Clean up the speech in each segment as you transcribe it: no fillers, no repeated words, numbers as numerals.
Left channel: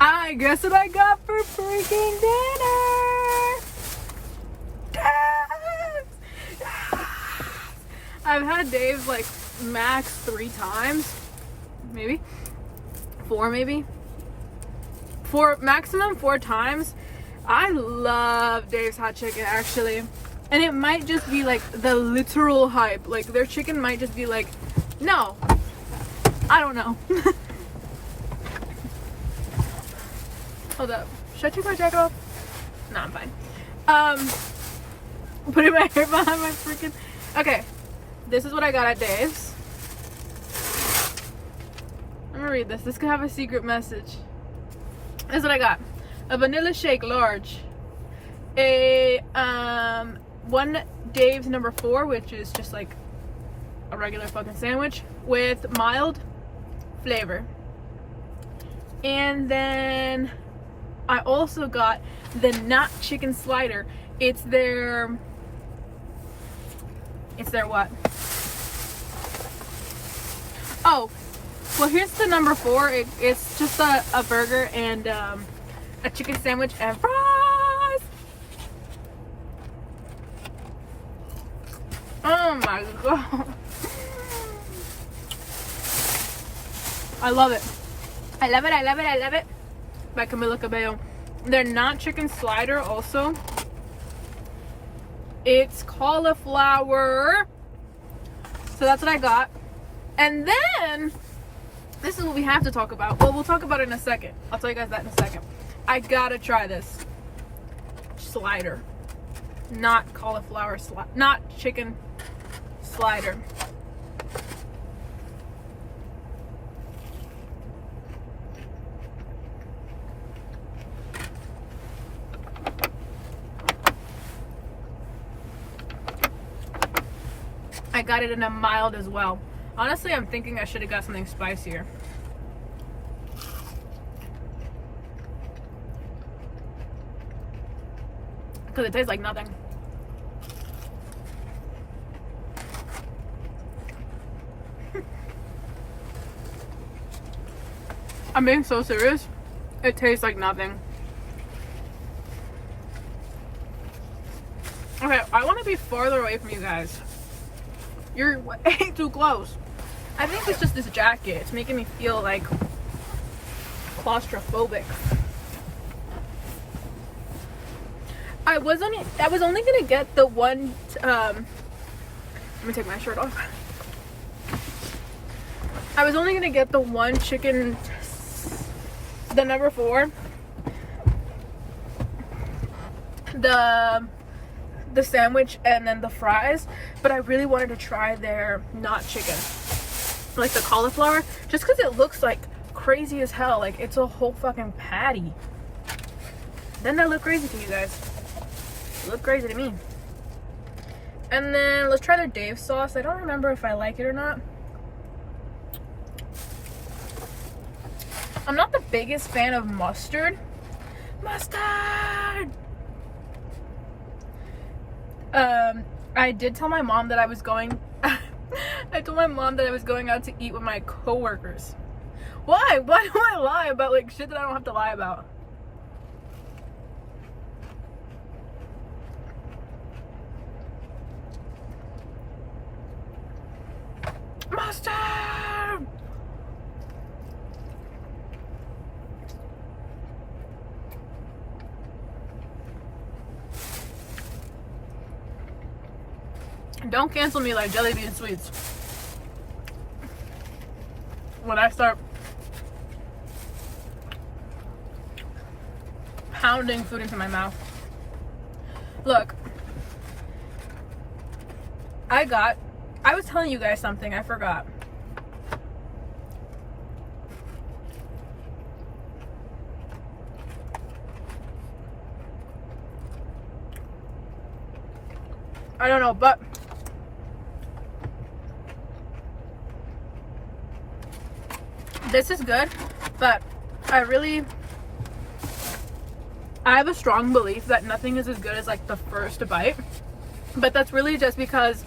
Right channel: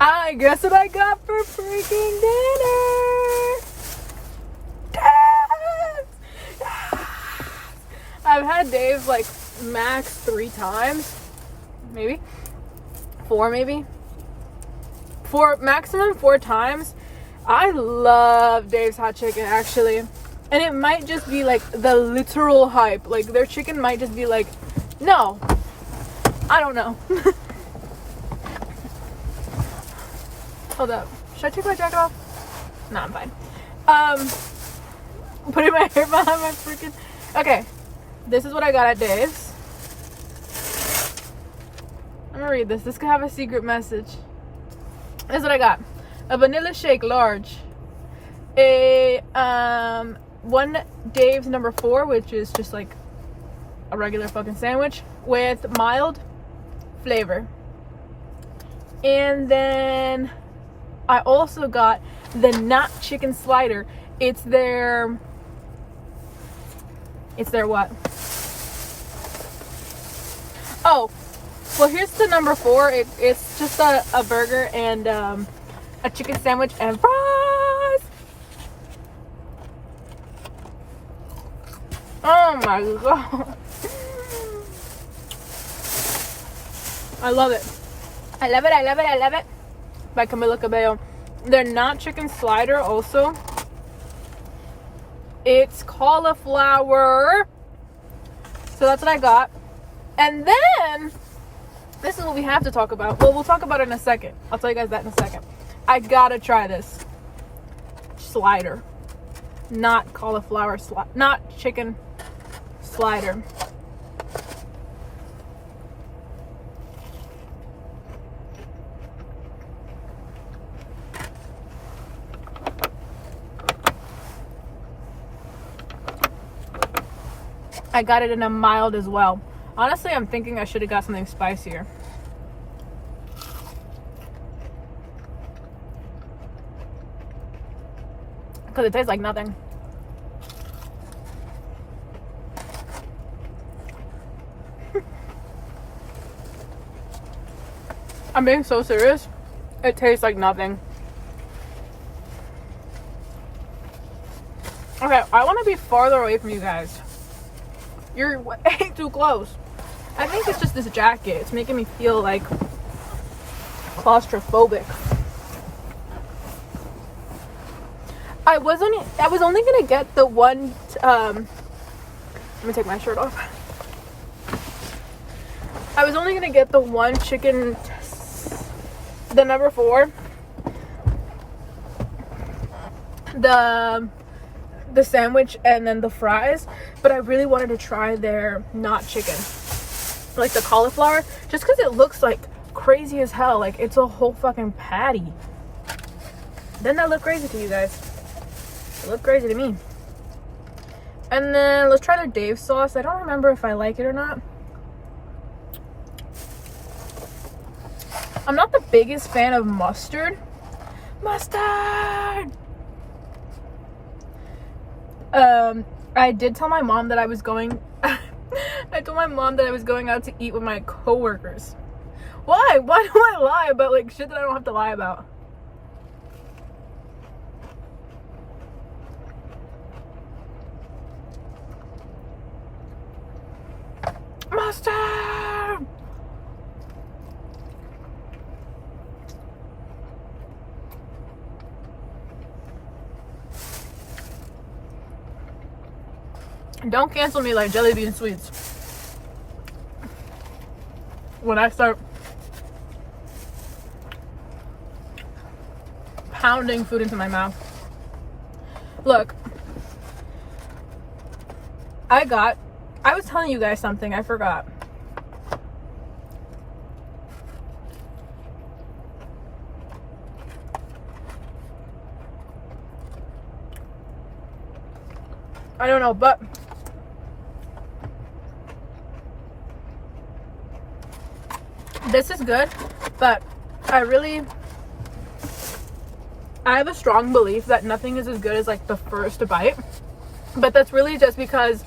I guess what I got for freaking dinner. I've had Dave's like max 3 times, maybe 4, maximum 4 times. I love Dave's hot chicken, actually, and it might just be like the literal hype. Like their chicken might just be like, no, I don't know. Hold up, should I take my jacket off? No, I'm fine. Putting my hair behind my freaking. Okay, this is what I got at Dave's. I'm gonna read this. This could have a secret message. This is what I got: a vanilla shake large, a 1 Dave's number 4, which is just like a regular fucking sandwich with mild flavor, and then I also got the not chicken slider. It's their what? Oh, well, here's the number 4. It's just a burger and a chicken sandwich and fries. Oh my god. I love it. I love it, I love it, I love it. By Camila Cabello. They're not chicken slider also. It's cauliflower. So that's what I got. And then this is what we have to talk about. Well, we'll talk about it in a second. I'll tell you guys that in a second. I gotta try this slider. Not cauliflower not chicken slider. I got it in a mild as well. Honestly, I'm thinking I should have got something spicier. Because it tastes like nothing. I'm being so serious. It tastes like nothing. Okay, I want to be farther away from you guys. You're way too close. I think it's just this jacket. It's making me feel like claustrophobic. I was only gonna get the one. Let me take my shirt off. I was only gonna get the one chicken, the number 4, the sandwich, and then the fries, but I really wanted to try their not chicken, like the cauliflower, just because it looks like crazy as hell. Like it's a whole fucking patty. Doesn't that look crazy to you guys? It looked crazy to me. And then let's try their Dave sauce. I don't remember if I like it or not. I'm not the biggest fan of mustard. I did tell my mom that I was going I told my mom that I was going out to eat with my coworkers. Why do I lie about like shit that I don't have to lie about? Mustard. Don't cancel me like jelly bean sweets when I start pounding food into my mouth. Look, I was telling you guys something, I forgot. I don't know, but this is good, but I have a strong belief that nothing is as good as like the first bite, but that's really just because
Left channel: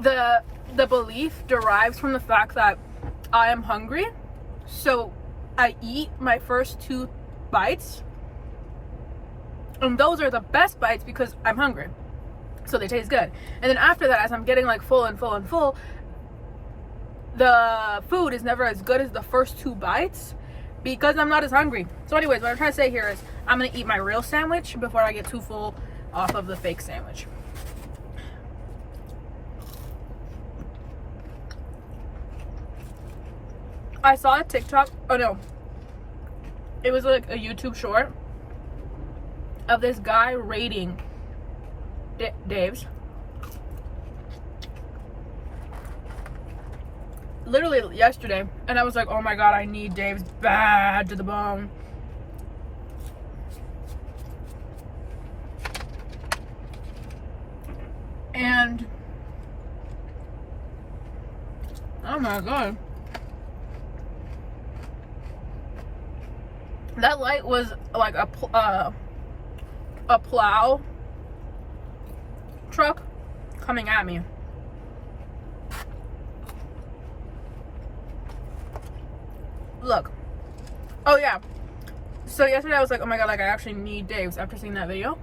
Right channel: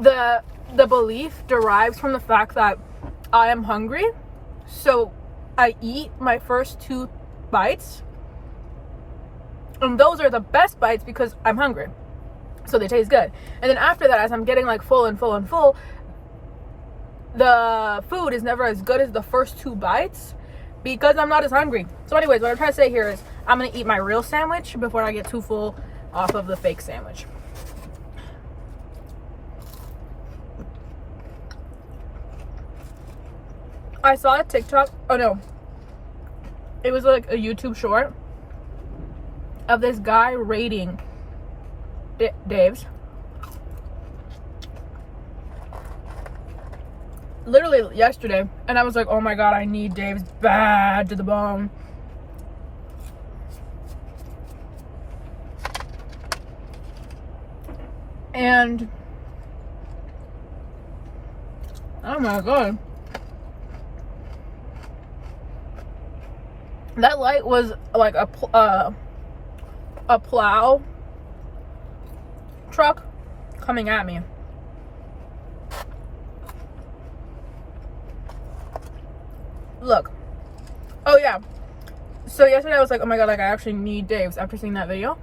the belief derives from the fact that I am hungry, So I eat my first 2 bites, and those are the best bites because I'm hungry, so they taste good. And then after that, as I'm getting like full and full and full, the food is never as good as the first 2 bites because I'm not as hungry. So anyways, what I'm trying to say here is I'm gonna eat my real sandwich before I get too full off of the fake sandwich. I saw a TikTok, oh no, it was like a YouTube short of this guy rating Dave's. Literally yesterday, and I was like, oh my god, I need Dave's bad to the bone. And oh my god, that light was like a plow truck coming at me. Look. Oh yeah. So yesterday I was like, oh my god, like I actually need Dave's after seeing that video.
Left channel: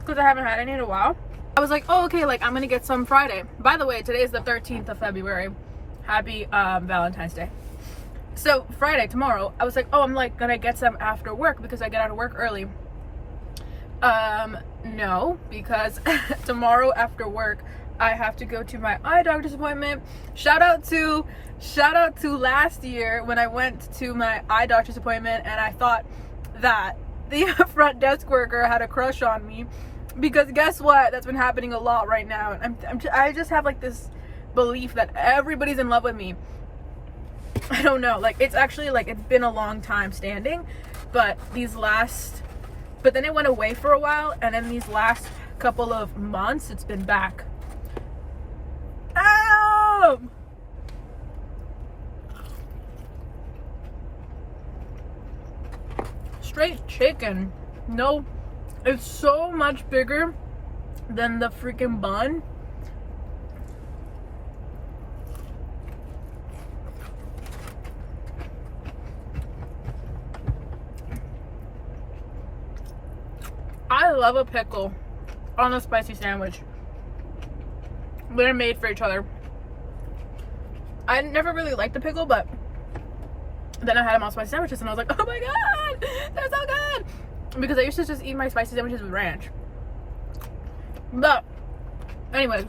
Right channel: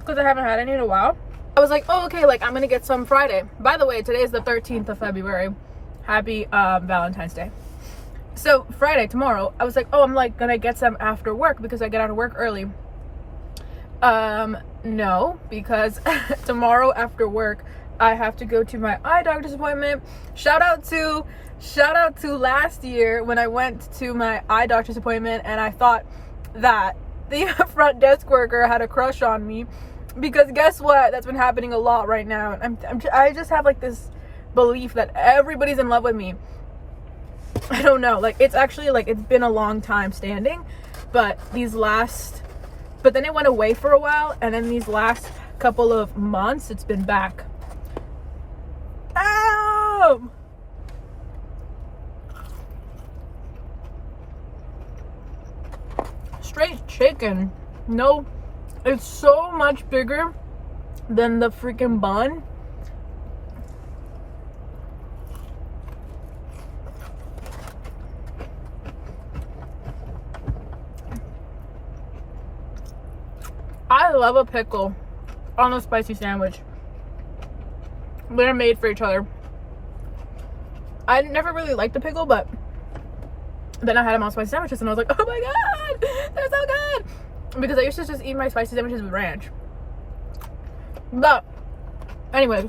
Because I haven't had any in a while. I was like, oh okay, like I'm gonna get some Friday. By the way, today is the 13th of February. Happy Valentine's Day. So Friday, tomorrow, I was like, oh, I'm like gonna get some after work because I get out of work early. No, because tomorrow after work I have to go to my eye doctor's appointment. Shout out to last year when I went to my eye doctor's appointment and I thought that the front desk worker had a crush on me, because guess what? That's been happening a lot right now. And I just have like this belief that everybody's in love with me. I don't know, like it's actually like it's been a long time standing, but then it went away for a while, and then these last couple of months it's been back. Ow! Straight chicken. No, it's so much bigger than the freaking bun. I love a pickle on a spicy sandwich. They're made for each other. I never really liked the pickle, but then I had them on spicy sandwiches and I was like, oh my god, they're so good. Because I used to just eat my spicy sandwiches with ranch. But anyway,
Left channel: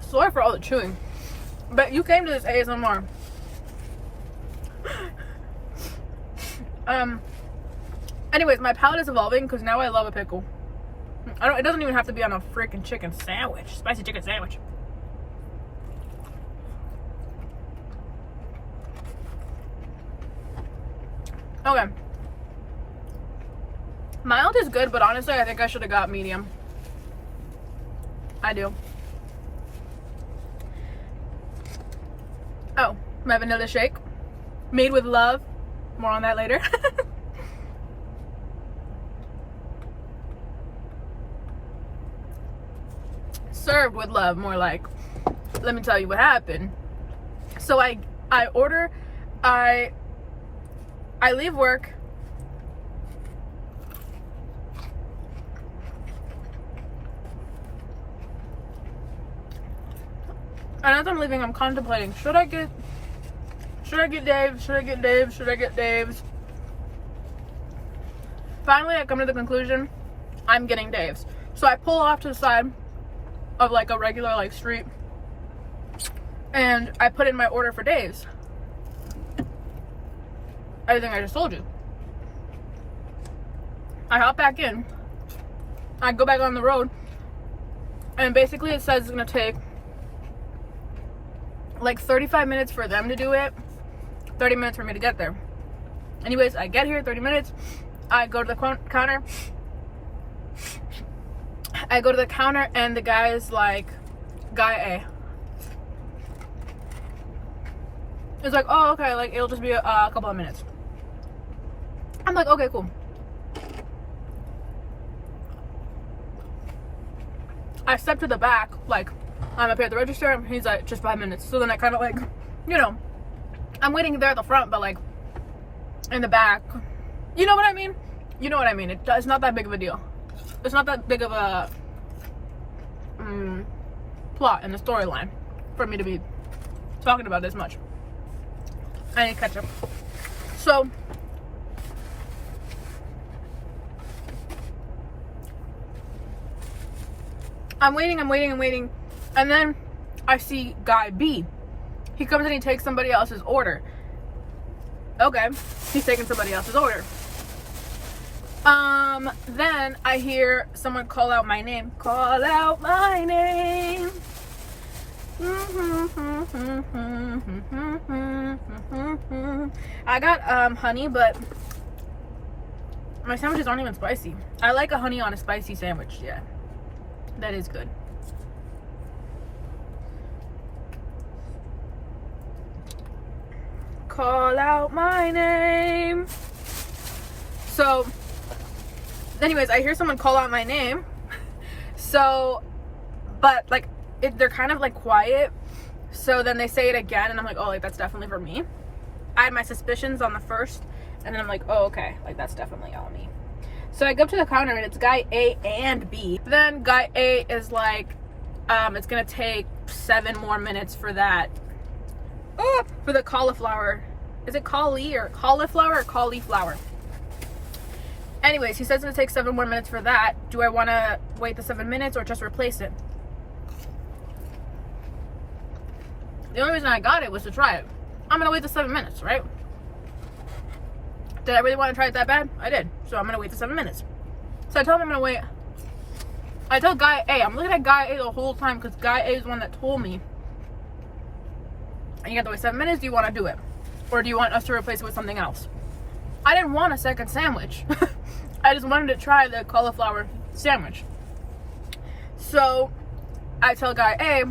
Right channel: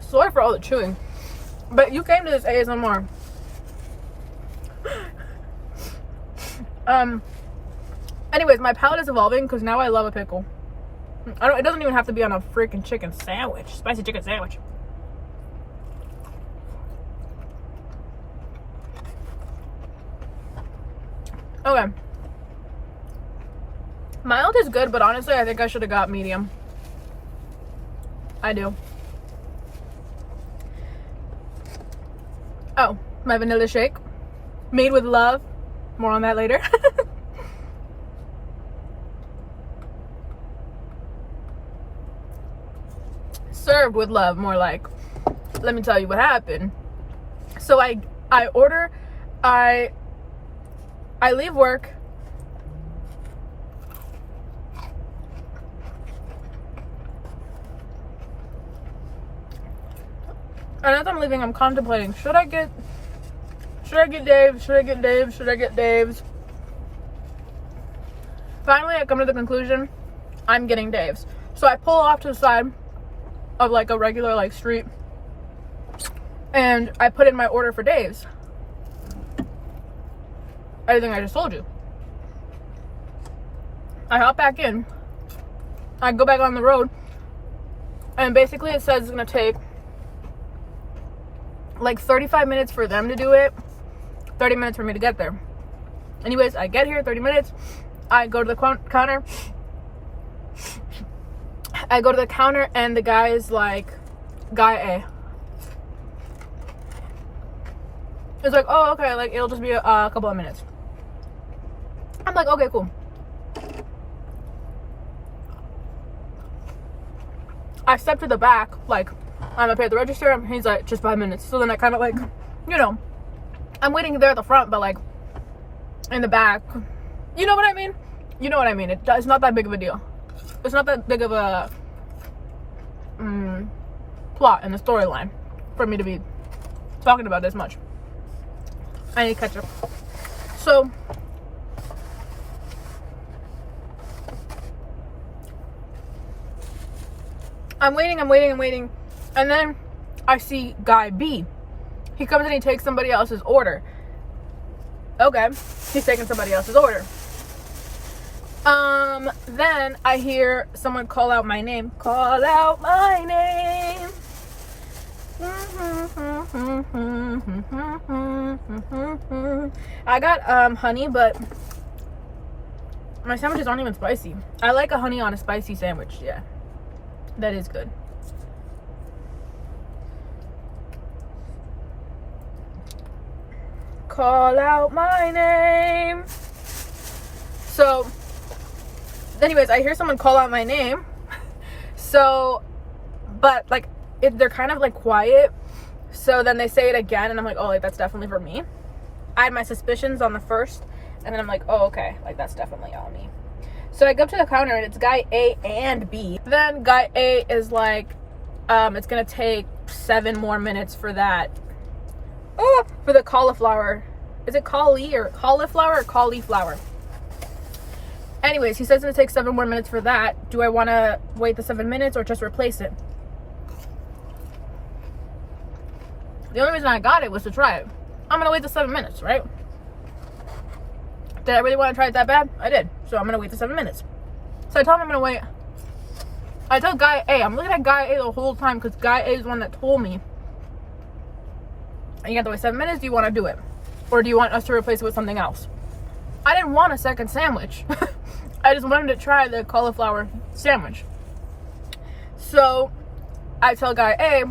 sorry for all the chewing, but you came to this ASMR. Anyways, my palate is evolving because now I love a pickle. It doesn't even have to be on a freaking chicken sandwich, spicy chicken sandwich. Okay. Mild is good, but honestly, I think I should have got medium. I do. Oh, my vanilla shake. Made with love. More on that later. Served with love, more like. Let me tell you what happened. So I leave work. And as I'm leaving, I'm contemplating, should I get Dave's? Should I get Dave's? Should I get Dave's? Finally, I come to the conclusion, I'm getting Dave's. So I pull off to the side of like a regular like street, and I put in my order for Dave's. Everything I just told you. I hop back in. I go back on the road, and basically it says it's gonna take like 35 minutes for them to do it, 30 minutes for me to get there. Anyways, I get here, 30 minutes. I go to the counter. I go to the counter and the guy is like, guy A. It's like, oh, okay, like it'll just be a couple of minutes. I'm like, okay, cool. I step to the back, like, I'm up here at the register, and he's like, just 5 minutes. So then I kind of like, you know, I'm waiting there at the front, but like, in the back. You know what I mean? You know what I mean. It's not that big of a deal. It's not that big of a plot in the storyline for me to be talking about this much. I need ketchup. So, I'm waiting, and then I see guy B. He comes and he takes somebody else's order. Okay, he's taking somebody else's order. Then I hear someone call out my name. Call out my name. I got honey, but my sandwiches aren't even spicy. I like a honey on a spicy sandwich. Yeah, that is good. Call out my name. So anyways, I hear someone call out my name. So, but like they're kind of like quiet. So then they say it again, and I'm like, oh, like that's definitely for me. I had my suspicions on the first, and then I'm like, oh, okay, like that's definitely all me. So I go up to the counter, and it's guy A and B. Then guy A is like, it's gonna take 7 more minutes for that. Oh, for the cauliflower. Is it cauliflower or cauliflower? Anyways, he says it's gonna take 7 more minutes for that. Do I want to wait the 7 minutes or just replace it? The only reason I got it was to try it. I'm gonna wait the 7 minutes, right? Did I really want to try it that bad? I did. So I'm gonna wait the 7 minutes. So I told him I'm gonna wait. I told guy A. I'm looking at guy A the whole time because guy A is the one that told me. And you have to wait 7 minutes. Do you want to do it, or do you want us to replace it with something else? I didn't want a second sandwich. I just wanted to try the cauliflower sandwich. So I tell guy A,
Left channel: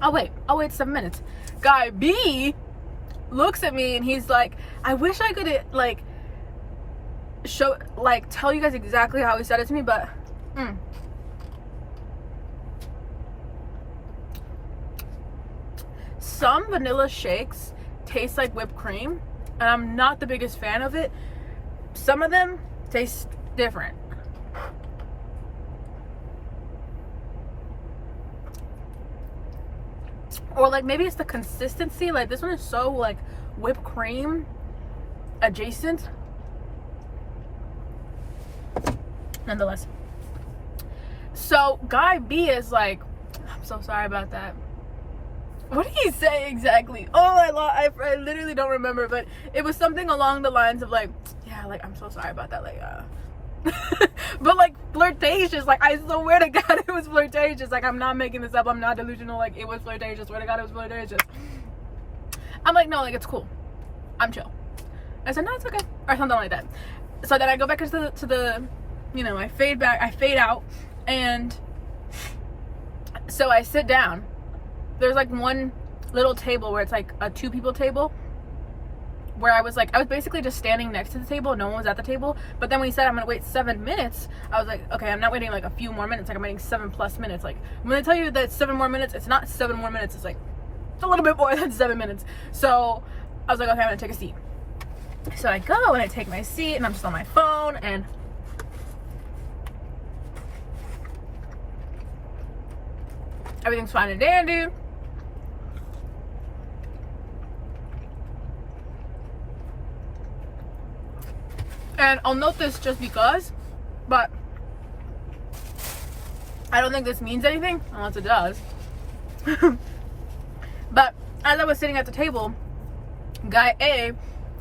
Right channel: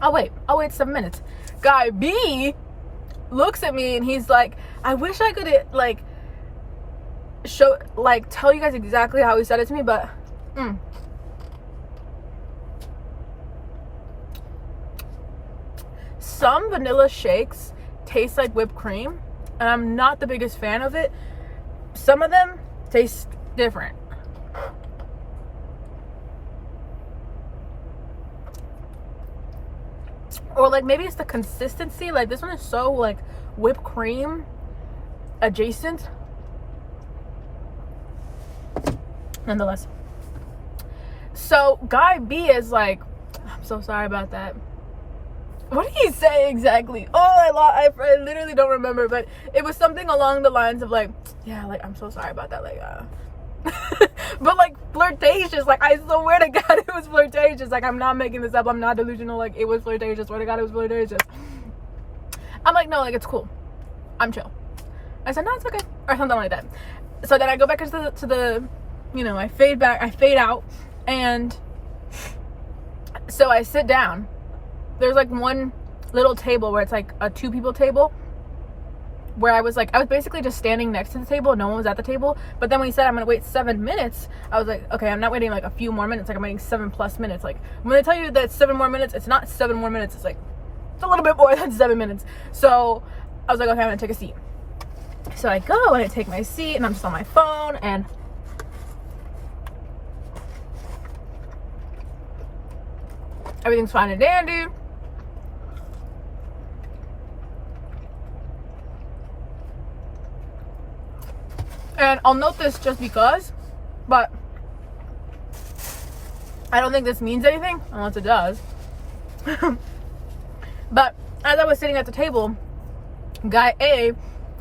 I'll wait 7 minutes. Guy B looks at me and he's like, I wish I could like tell you guys exactly how he said it to me, but some vanilla shakes taste like whipped cream, and I'm not the biggest fan of it. Some of them taste different. Or like maybe it's the consistency. Like this one is so like whipped cream adjacent. Nonetheless. So guy B is like, I'm so sorry about that. What did he say exactly? Oh, I literally don't remember, but it was something along the lines of like, yeah, like I'm so sorry about that, like but like flirtatious. Like I swear to God it was flirtatious. Like I'm not making this up, I'm not delusional. Like it was flirtatious. Swear to God it was flirtatious. I'm like, no, like it's cool, I'm chill. I said, no, it's okay, or something like that. So then I go back into the you know, I fade out, and so I sit down. There's like one little table where it's like a 2 people table, where I was basically just standing next to the table. No one was at the table. But then when he said I'm gonna wait 7 minutes, I was like, okay, I'm not waiting like a few more minutes. Like I'm waiting 7+ minutes. Like when they tell you that it's 7 more minutes, it's not 7 more minutes. It's like a little bit more than 7 minutes. So I was like, okay, I'm gonna take a seat. So I go and I take my seat, and I'm just on my phone, and everything's fine and dandy. And I'll note this just because, but I don't think this means anything, unless it does. But as I was sitting at the table, guy A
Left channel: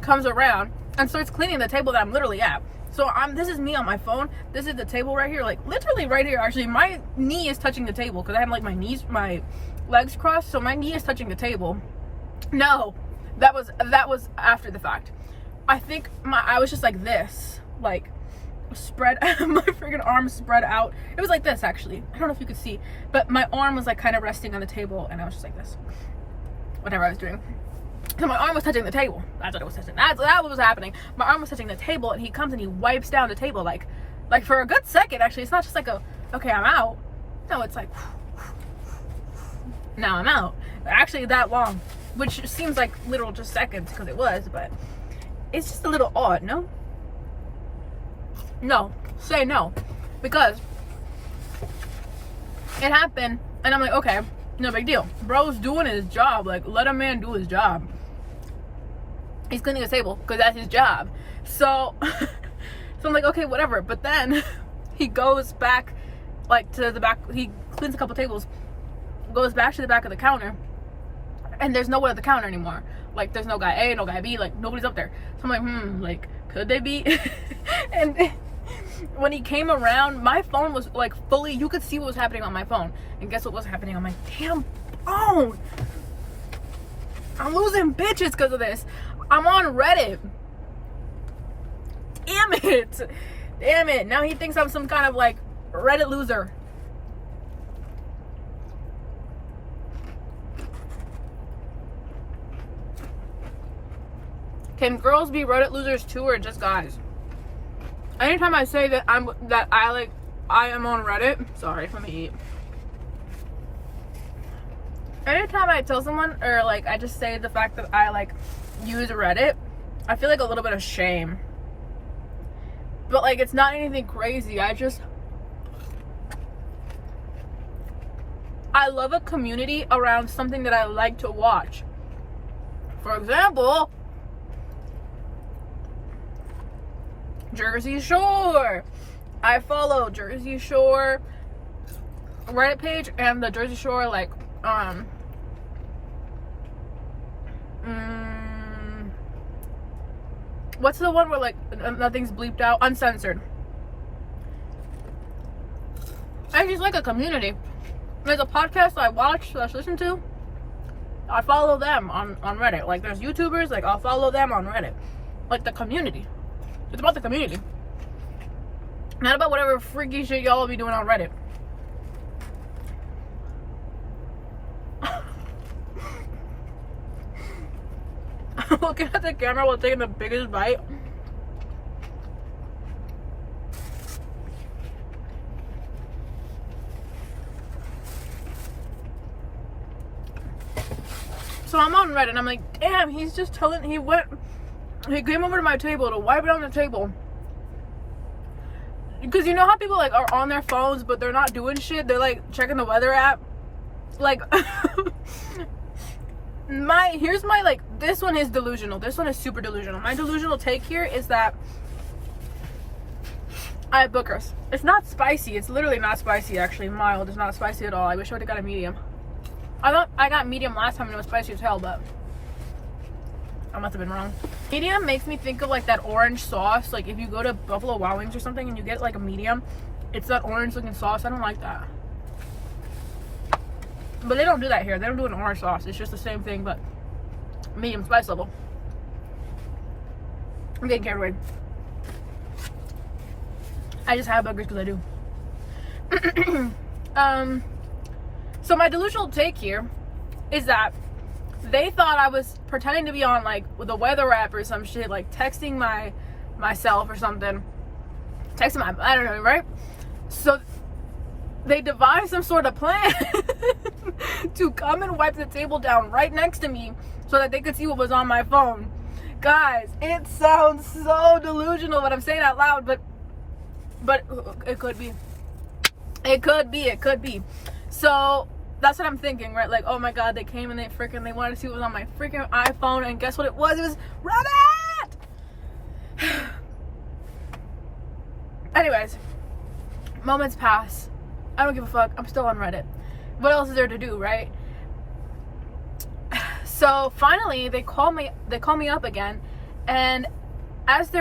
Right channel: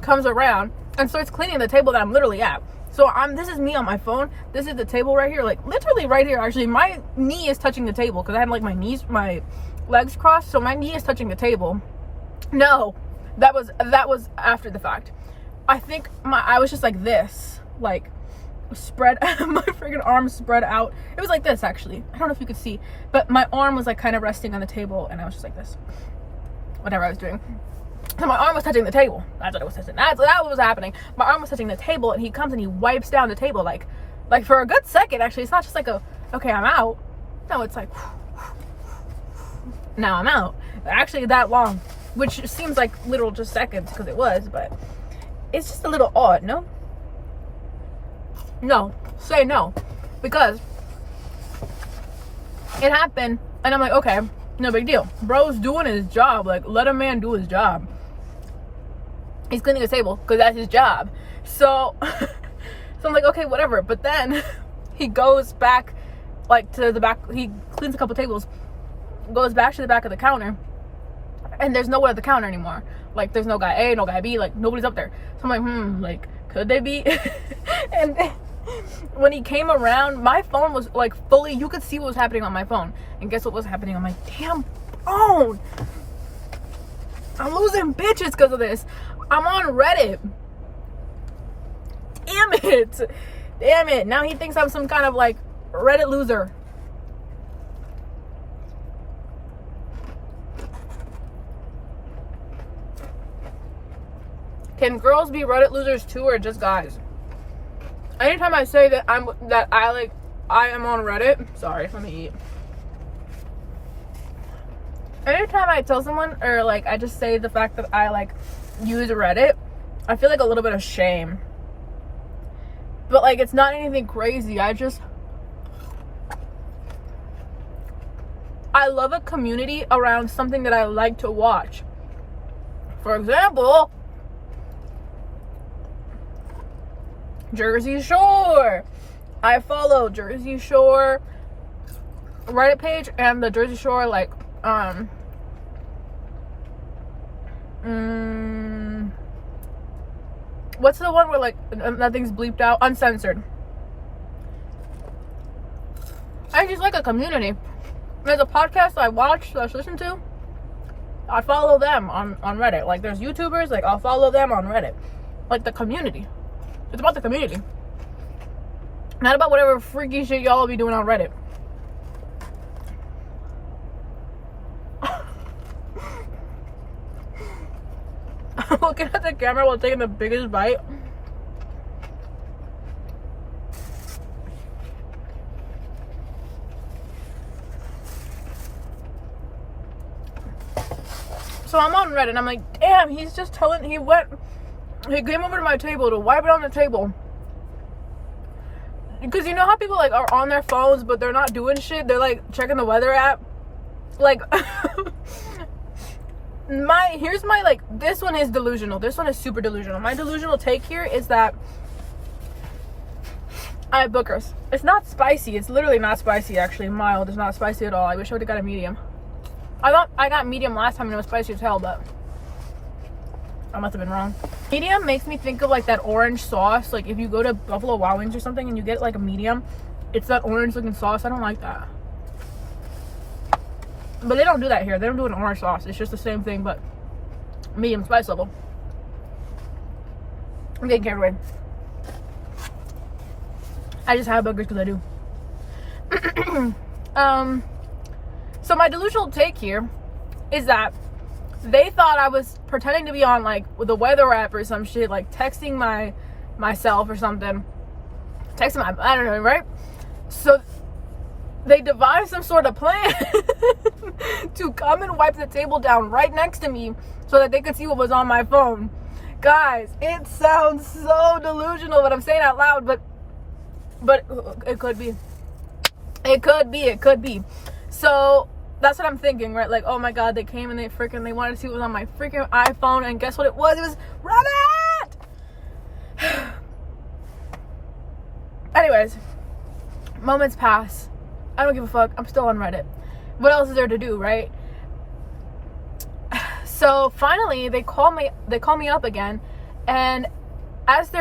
comes around and starts cleaning the table that I'm literally at. So this is me on my phone. This is the table right here, like literally right here. Actually, my knee is touching the table because I have like my legs crossed, so my knee is touching the table. No, that was after the fact. I think I was just like this, like spread, my freaking arm spread out. It was like this, actually. I don't know if you could see, but my arm was like kind of resting on the table, and I was just like this. Whatever I was doing. So my arm was touching the table. That's what it was touching. That's what was happening. My arm was touching the table, and he comes and he wipes down the table like for a good second. Actually, it's not just like okay, I'm out. No, it's like now I'm out. Actually, that long, which seems like literal just seconds because it was, but it's just a little odd, no? No, say no, because it happened, and I'm like, okay, no big deal. Bro's doing his job. Like, let a man do his job. He's cleaning his table because that's his job. So I'm like, okay, whatever. But then he goes back, like, to the back. He cleans a couple tables, goes back to the back of the counter, and there's no one at the counter anymore. Like, there's no guy A, no guy B. Like, nobody's up there. So I'm like, like, could they be? And when he came around, my phone was like fully, you could see what was happening on my phone. And guess what was happening on my damn phone? I'm losing bitches because of this. I'm on Reddit. Damn it. Damn it. Now he thinks I'm some kind of like Reddit loser. Can girls be Reddit losers too, or just guys? Anytime I say that I am on Reddit, sorry, let me eat. Anytime I tell someone, or like I just say the fact that I like use Reddit, I feel like a little bit of shame. But like, it's not anything crazy. I love a community around something that I like to watch. For example, Jersey Shore. I follow Jersey Shore Reddit page and the Jersey Shore like what's the one where like nothing's bleeped out? Uncensored. I just like a community. There's a podcast I watch, I listen to. I follow them on Reddit. Like, there's YouTubers, like, I'll follow them on Reddit. Like, the community. It's about the community. Not about whatever freaky shit y'all will be doing on Reddit. I'm looking at the camera while taking the biggest bite. So I'm on Reddit and I'm like, damn, he's just telling, he came over to my table to wipe it on the table. Because you know how people like are on their phones but they're not doing shit? They're like checking the weather app. Like, here's my like, this one is delusional. This one is super delusional. My delusional take here is that I have bookers. It's not spicy. It's literally not spicy, actually. Mild. It's not spicy at all. I wish I would have got a medium. I thought I got medium last time and it was spicy as hell, but I must have been wrong. Medium makes me think of like that orange sauce. Like if you go to Buffalo Wild Wings or something and you get like a medium, it's that orange looking sauce. I don't like that. But they don't do that here. They don't do an orange sauce. It's just the same thing, but medium spice level. I'm getting carried away. I just have burgers because I do. So my delusional take here is that they thought I was pretending to be on like with a weather app or some shit, like texting myself or something. Texting I don't know, right? So they devised some sort of plan to come and wipe the table down right next to me so that they could see what was on my phone. Guys, it sounds so delusional what I'm saying out loud, but it could be. It could be. So that's what I'm thinking, right? Like, oh my god, they came and they wanted to see what was on my freaking iPhone, and guess what it was? It was Reddit! Anyways, moments pass. I don't give a fuck. I'm still on Reddit. What else is there to do, right? So finally, they call me up again, and as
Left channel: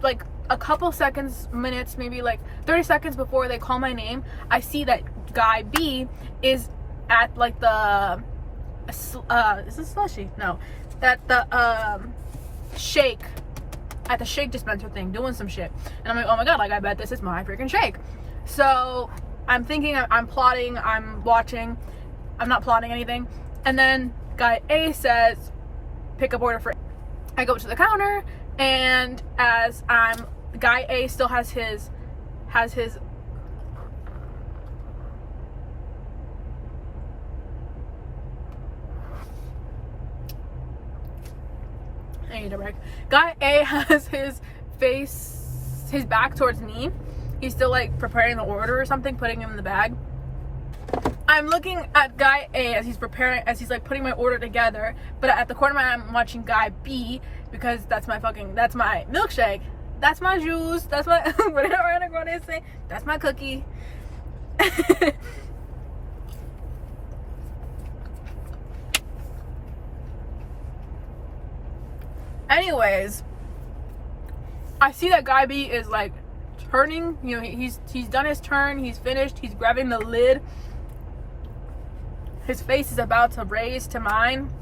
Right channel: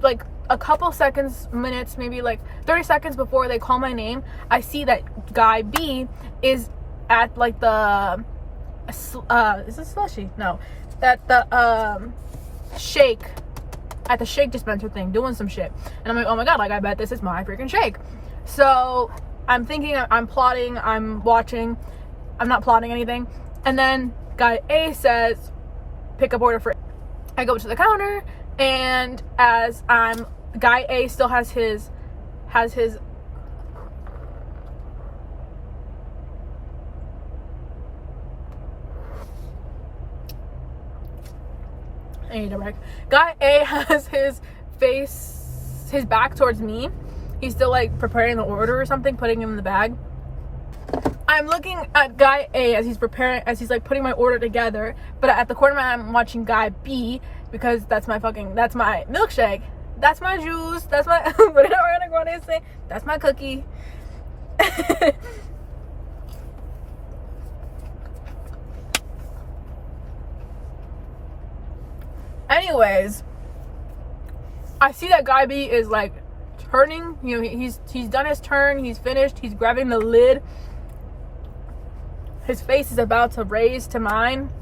like a couple seconds, minutes, maybe like 30 seconds before they call my name, I see that guy B is at like the is this slushy? No, at the shake, at the shake dispenser thing, doing some shit. And I'm like, oh my god, like I bet this is my freaking shake. So I'm thinking, I'm plotting, I'm watching, I'm not plotting anything. And then guy A says, pick up order for, I go to the counter, and as guy A still has his I need a break. Guy A has his back towards me. He's still like preparing the order or something, putting him in the bag. I'm looking at guy A as he's like putting my order together, but at the corner of my eye, I'm watching guy B, because that's my milkshake, that's my juice, that's my whatever I'm going to say, that's my cookie. Anyways, I see that guy B is like turning, you know, he's done his turn, he's finished, he's grabbing the lid. His face is about to raise to mine,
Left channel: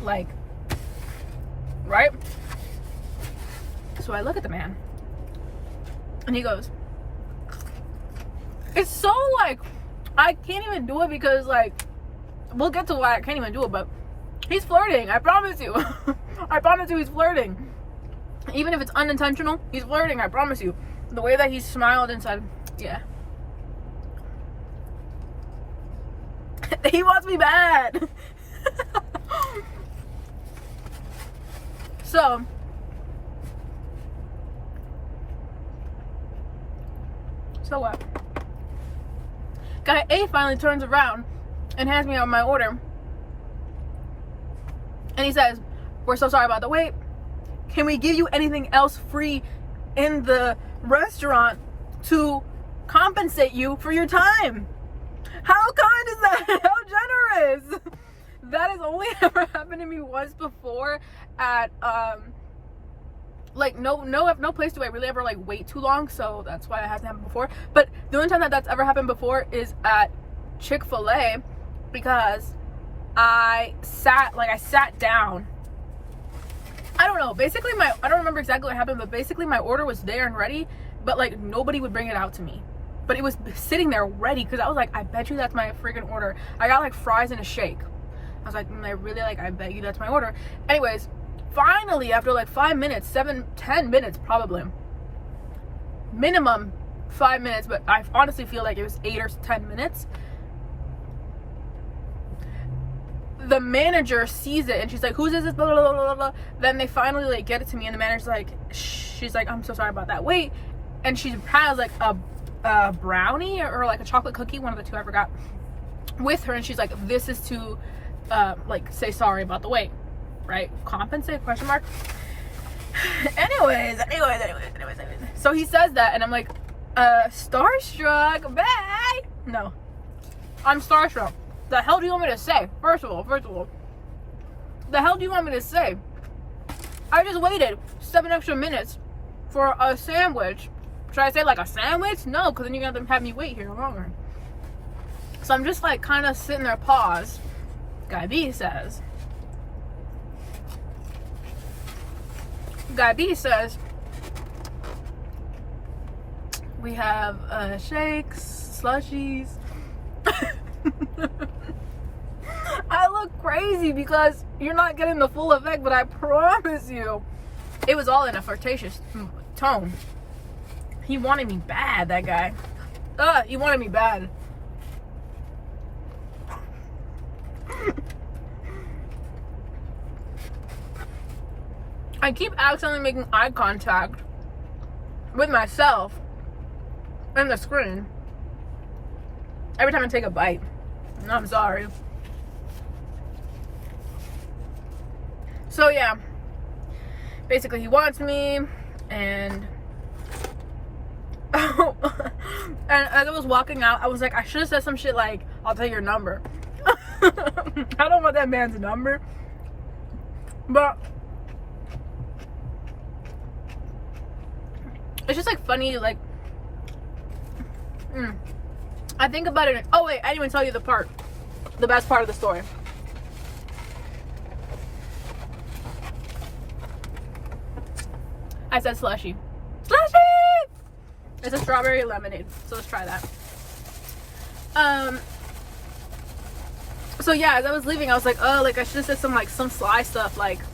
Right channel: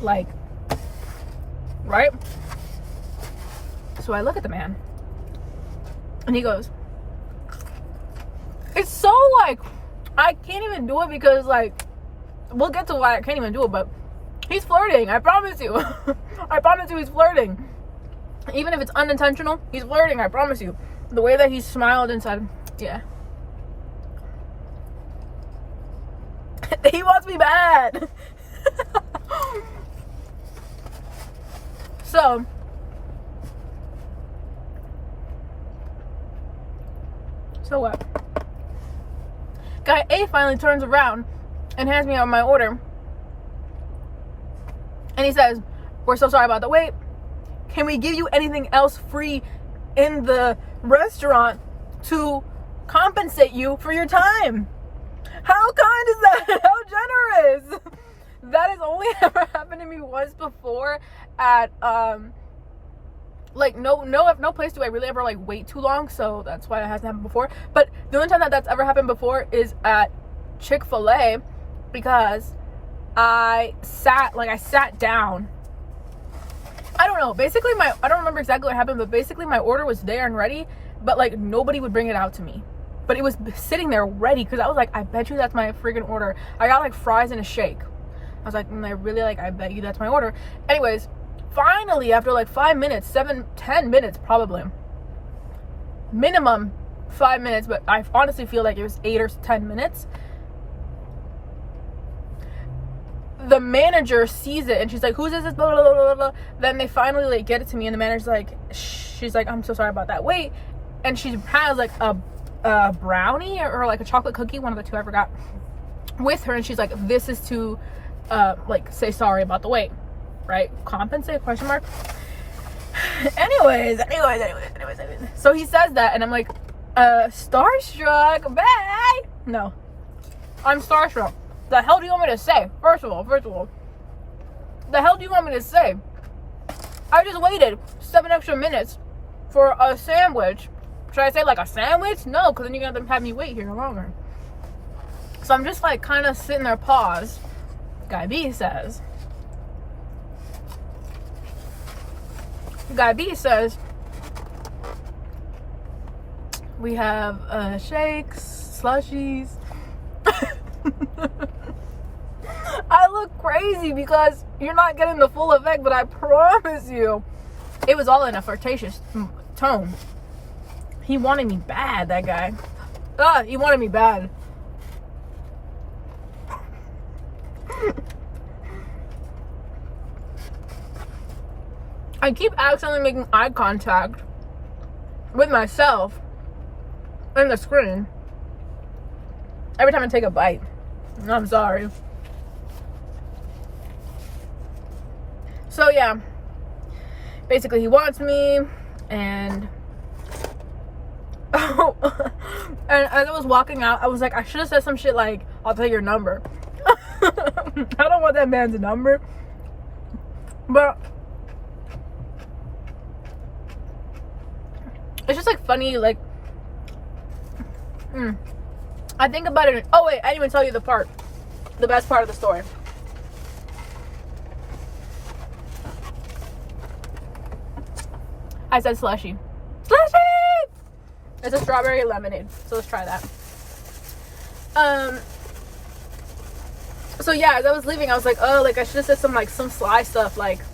like, right? So I look at the man, and he goes, it's so like, I can't even do it because like, we'll get to why I can't even do it, but he's flirting, I promise you. I promise you he's flirting. Even if it's unintentional, he's flirting, I promise you. The way that he smiled and said, yeah. He wants me bad. So what? Guy A finally turns around and hands me out my order. And he says, we're so sorry about the wait. Can we give you anything else free in the restaurant to compensate you for your time? How kind is that? How generous. That has only ever happened to me once before at like no place do I really ever like wait too long, so that's why that hasn't happened before. But the only time that that's ever happened before is at Chick-fil-A, because I sat down. I don't know, basically I don't remember exactly what happened, but basically my order was there and ready, but like nobody would bring it out to me. But it was sitting there ready, because I was like, I bet you that's my freaking order. I got like fries and a shake. I was like, I bet you that's my order. Anyways, finally, after like 5 minutes, 10 minutes probably, minimum 5 minutes, but I honestly feel like it was 8 or 10 minutes, the manager sees it and she's like, who's this? Blah, blah, blah, blah, blah. Then they finally like get it to me, and the manager's like, she's like, I'm so sorry about that wait. And she has like a brownie or like a chocolate cookie, one of the two, I forgot, with her, and she's like, this is to like say sorry about the wait, right? Compensate, question mark. anyways, so he says that, and I'm like, starstruck, bye. No, I'm starstruck. The hell do you want me to say? First of all, the hell do you want me to say? I just waited 7 extra minutes for a sandwich. Should I say like a sandwich? No, because then you're gonna have me wait here longer. So I'm just like kind of sitting there, pause. Guy B says, we have shakes, slushies. I look crazy because you're not getting the full effect, but I promise you, it was all in a flirtatious tone. He wanted me bad, that guy. He wanted me bad. I keep accidentally making eye contact with myself in the screen every time I take a bite. I'm sorry. So yeah, basically he wants me, and and as I was walking out, I was like, I should have said some shit like, I'll tell your number. I don't want that man's number, but it's just like funny, like I think about it. Oh wait, I didn't even tell you the best part of the story. I said slushy. It's a strawberry lemonade, so let's try that. So yeah, as I was leaving, I was like, oh, like I should have said some sly stuff, like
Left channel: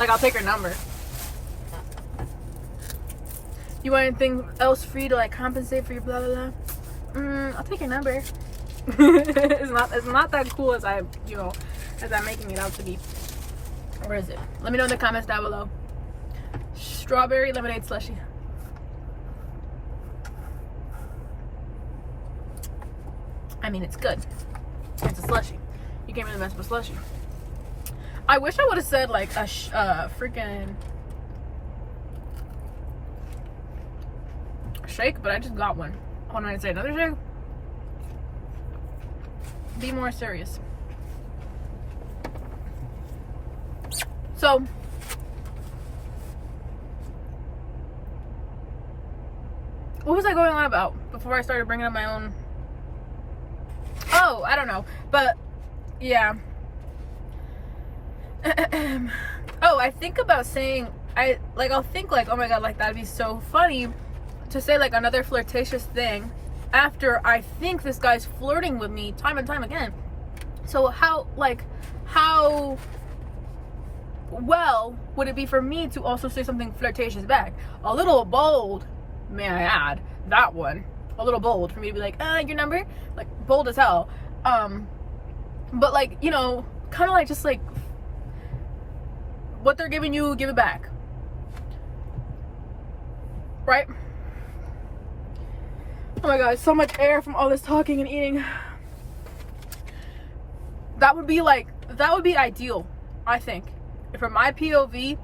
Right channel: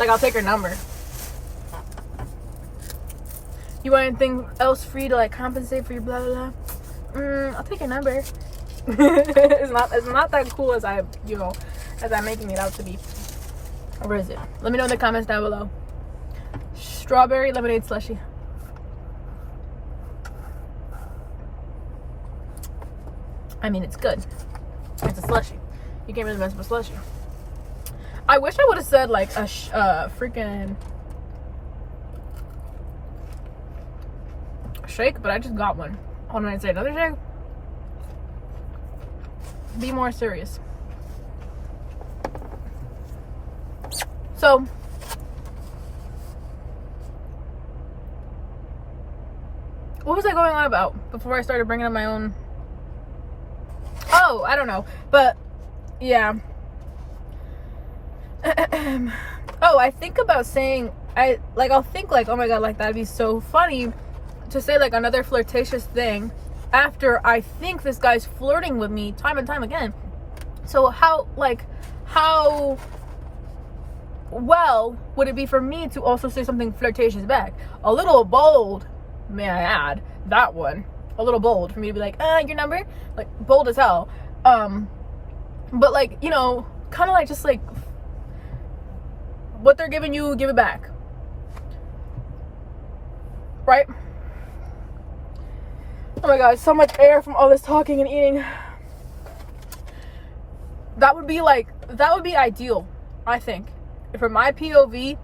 Like, I'll take her number. You want anything else free to like compensate for your blah blah blah? I'll take your number. It's not that cool as I'm making it out to be. Where is it? Let me know in the comments down below. Strawberry lemonade slushie. I mean, it's good. It's a slushie. You can't really mess with a slushie. I wish I would have said like a freaking shake, but I just got one. Hold on, I say another shake. Be more serious. So what was I going on about before I started bringing up my own? Oh, I don't know, but yeah. Oh, I think about saying, I'll think like, oh my god, like that'd be so funny to say like another flirtatious thing after I think this guy's flirting with me time and time again. So how well would it be for me to also say something flirtatious back? A little bold, may I add, that one. A little bold for me to be like, your number? Like, bold as hell. But like, you know, kind of like just like what they're giving you, give it back. Right? Oh my god, so much air from all this talking and eating. That would be ideal, I think. From my POV,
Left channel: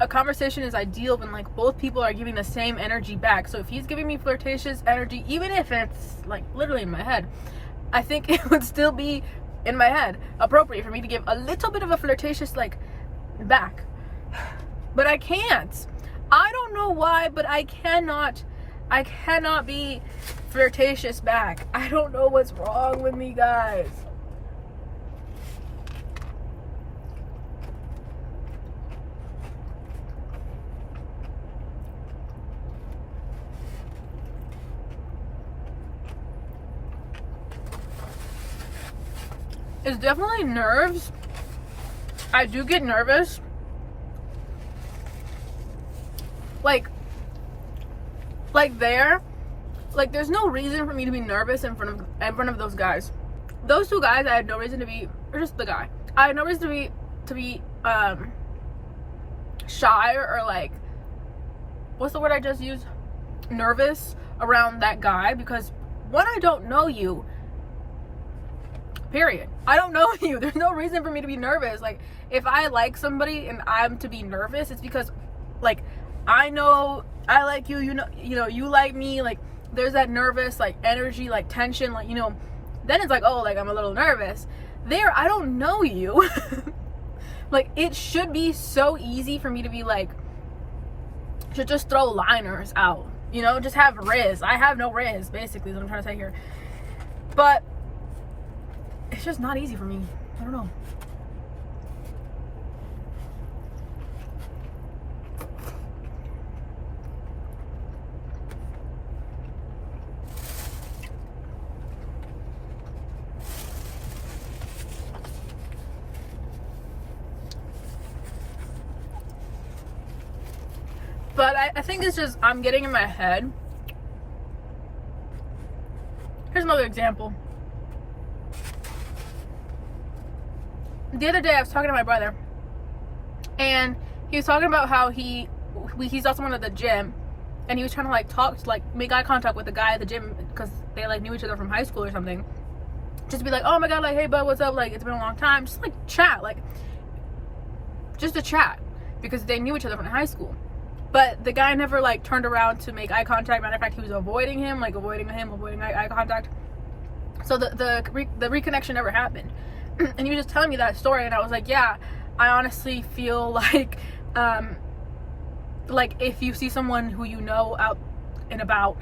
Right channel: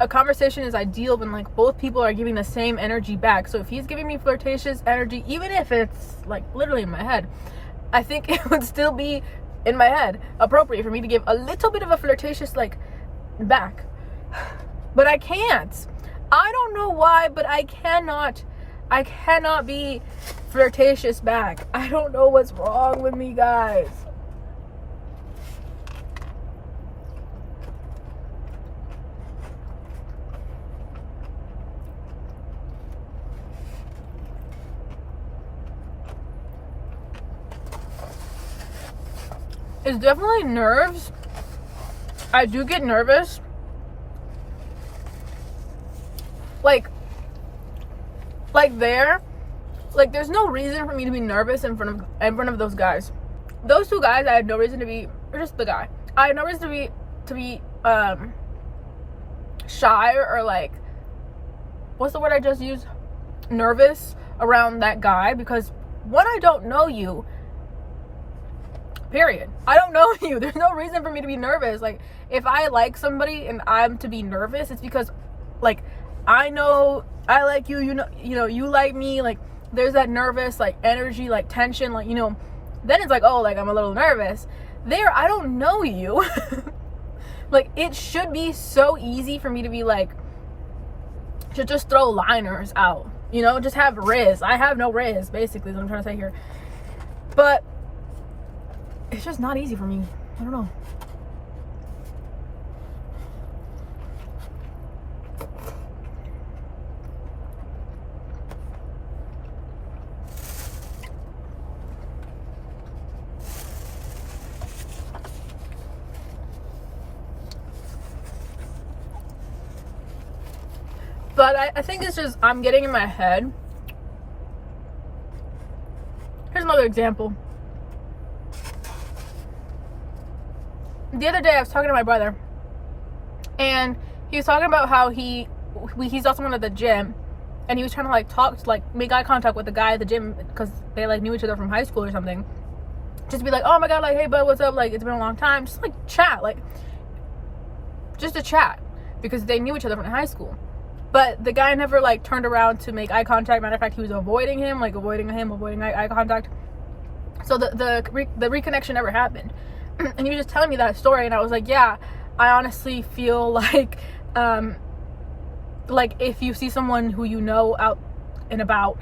a conversation is ideal when like both people are giving the same energy back. So if he's giving me flirtatious energy, even if it's like literally in my head, I think it would still be in my head appropriate for me to give a little bit of a flirtatious like back. But I can't. I don't know why, but I cannot be flirtatious back. I don't know what's wrong with me, guys. It's definitely nerves. I do get nervous. There's no reason for me to be nervous in front of those guys. Those two guys, I had no reason to be, or just the guy. I had no reason to be shy or like, what's the word I just used? Nervous around that guy, because one, I don't know you. Period. I don't know you. There's no reason for me to be nervous. Like, if I like somebody and I'm to be nervous, it's because like I know I like you, you know you like me, like there's that nervous like energy, like tension, like, you know, then it's like, oh, like I'm a little nervous. There, I don't know you. Like, it should be so easy for me to be like, to just throw liners out, you know, just have riz. I have no riz, basically, is what I'm trying to say here. But it's just not easy for me. I don't know. But I think it's just, I'm getting in my head. Here's another example. The other day I was talking to my brother, and he was talking about how he saw someone at the gym, and he was trying to like talk to, like, make eye contact with the guy at the gym because they like knew each other from high school or something. Just to be like, oh my god, like, hey bud, what's up? Like, it's been a long time. Just like chat, like just a chat, because they knew each other from high school. But the guy never like turned around to make eye contact. Matter of fact, he was avoiding eye contact. So the reconnection never happened. And he was just telling me that story, and I was like, yeah, I honestly feel like if you see someone who you know out and about,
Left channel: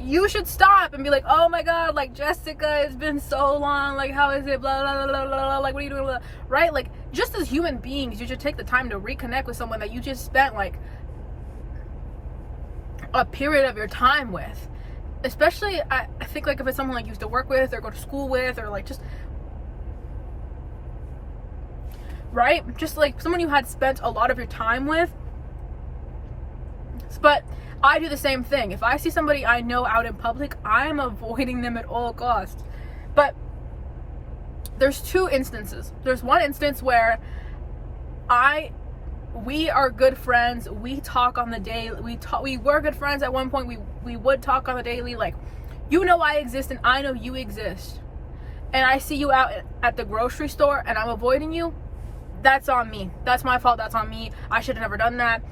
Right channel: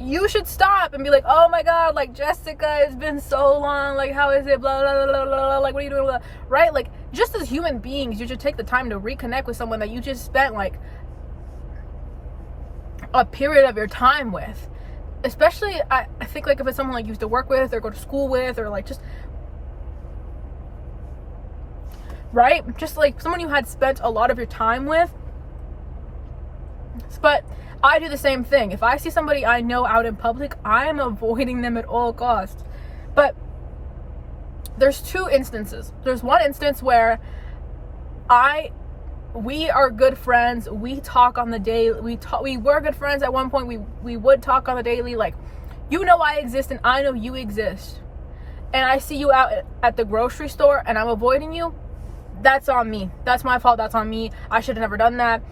you should stop and be like, oh my god, like, Jessica, it's been so long, like, how is it, blah blah blah blah, blah. Like, what are you doing, blah. Right? Like, just as human beings, you should take the time to reconnect with someone that you just spent like a period of your time with. Especially, I think, like, if it's someone like you used to work with or go to school with, or like just right? Just like someone you had spent a lot of your time with. But I do the same thing. If I see somebody I know out in public, I'm avoiding them at all costs. But there's two instances. There's one instance where we are good friends. We talk on the daily. We were good friends at one point. We would talk on the daily. Like, you know I exist and I know you exist. And I see you out at the grocery store and I'm avoiding you. That's on me. That's my fault. That's on me. I should have never done that.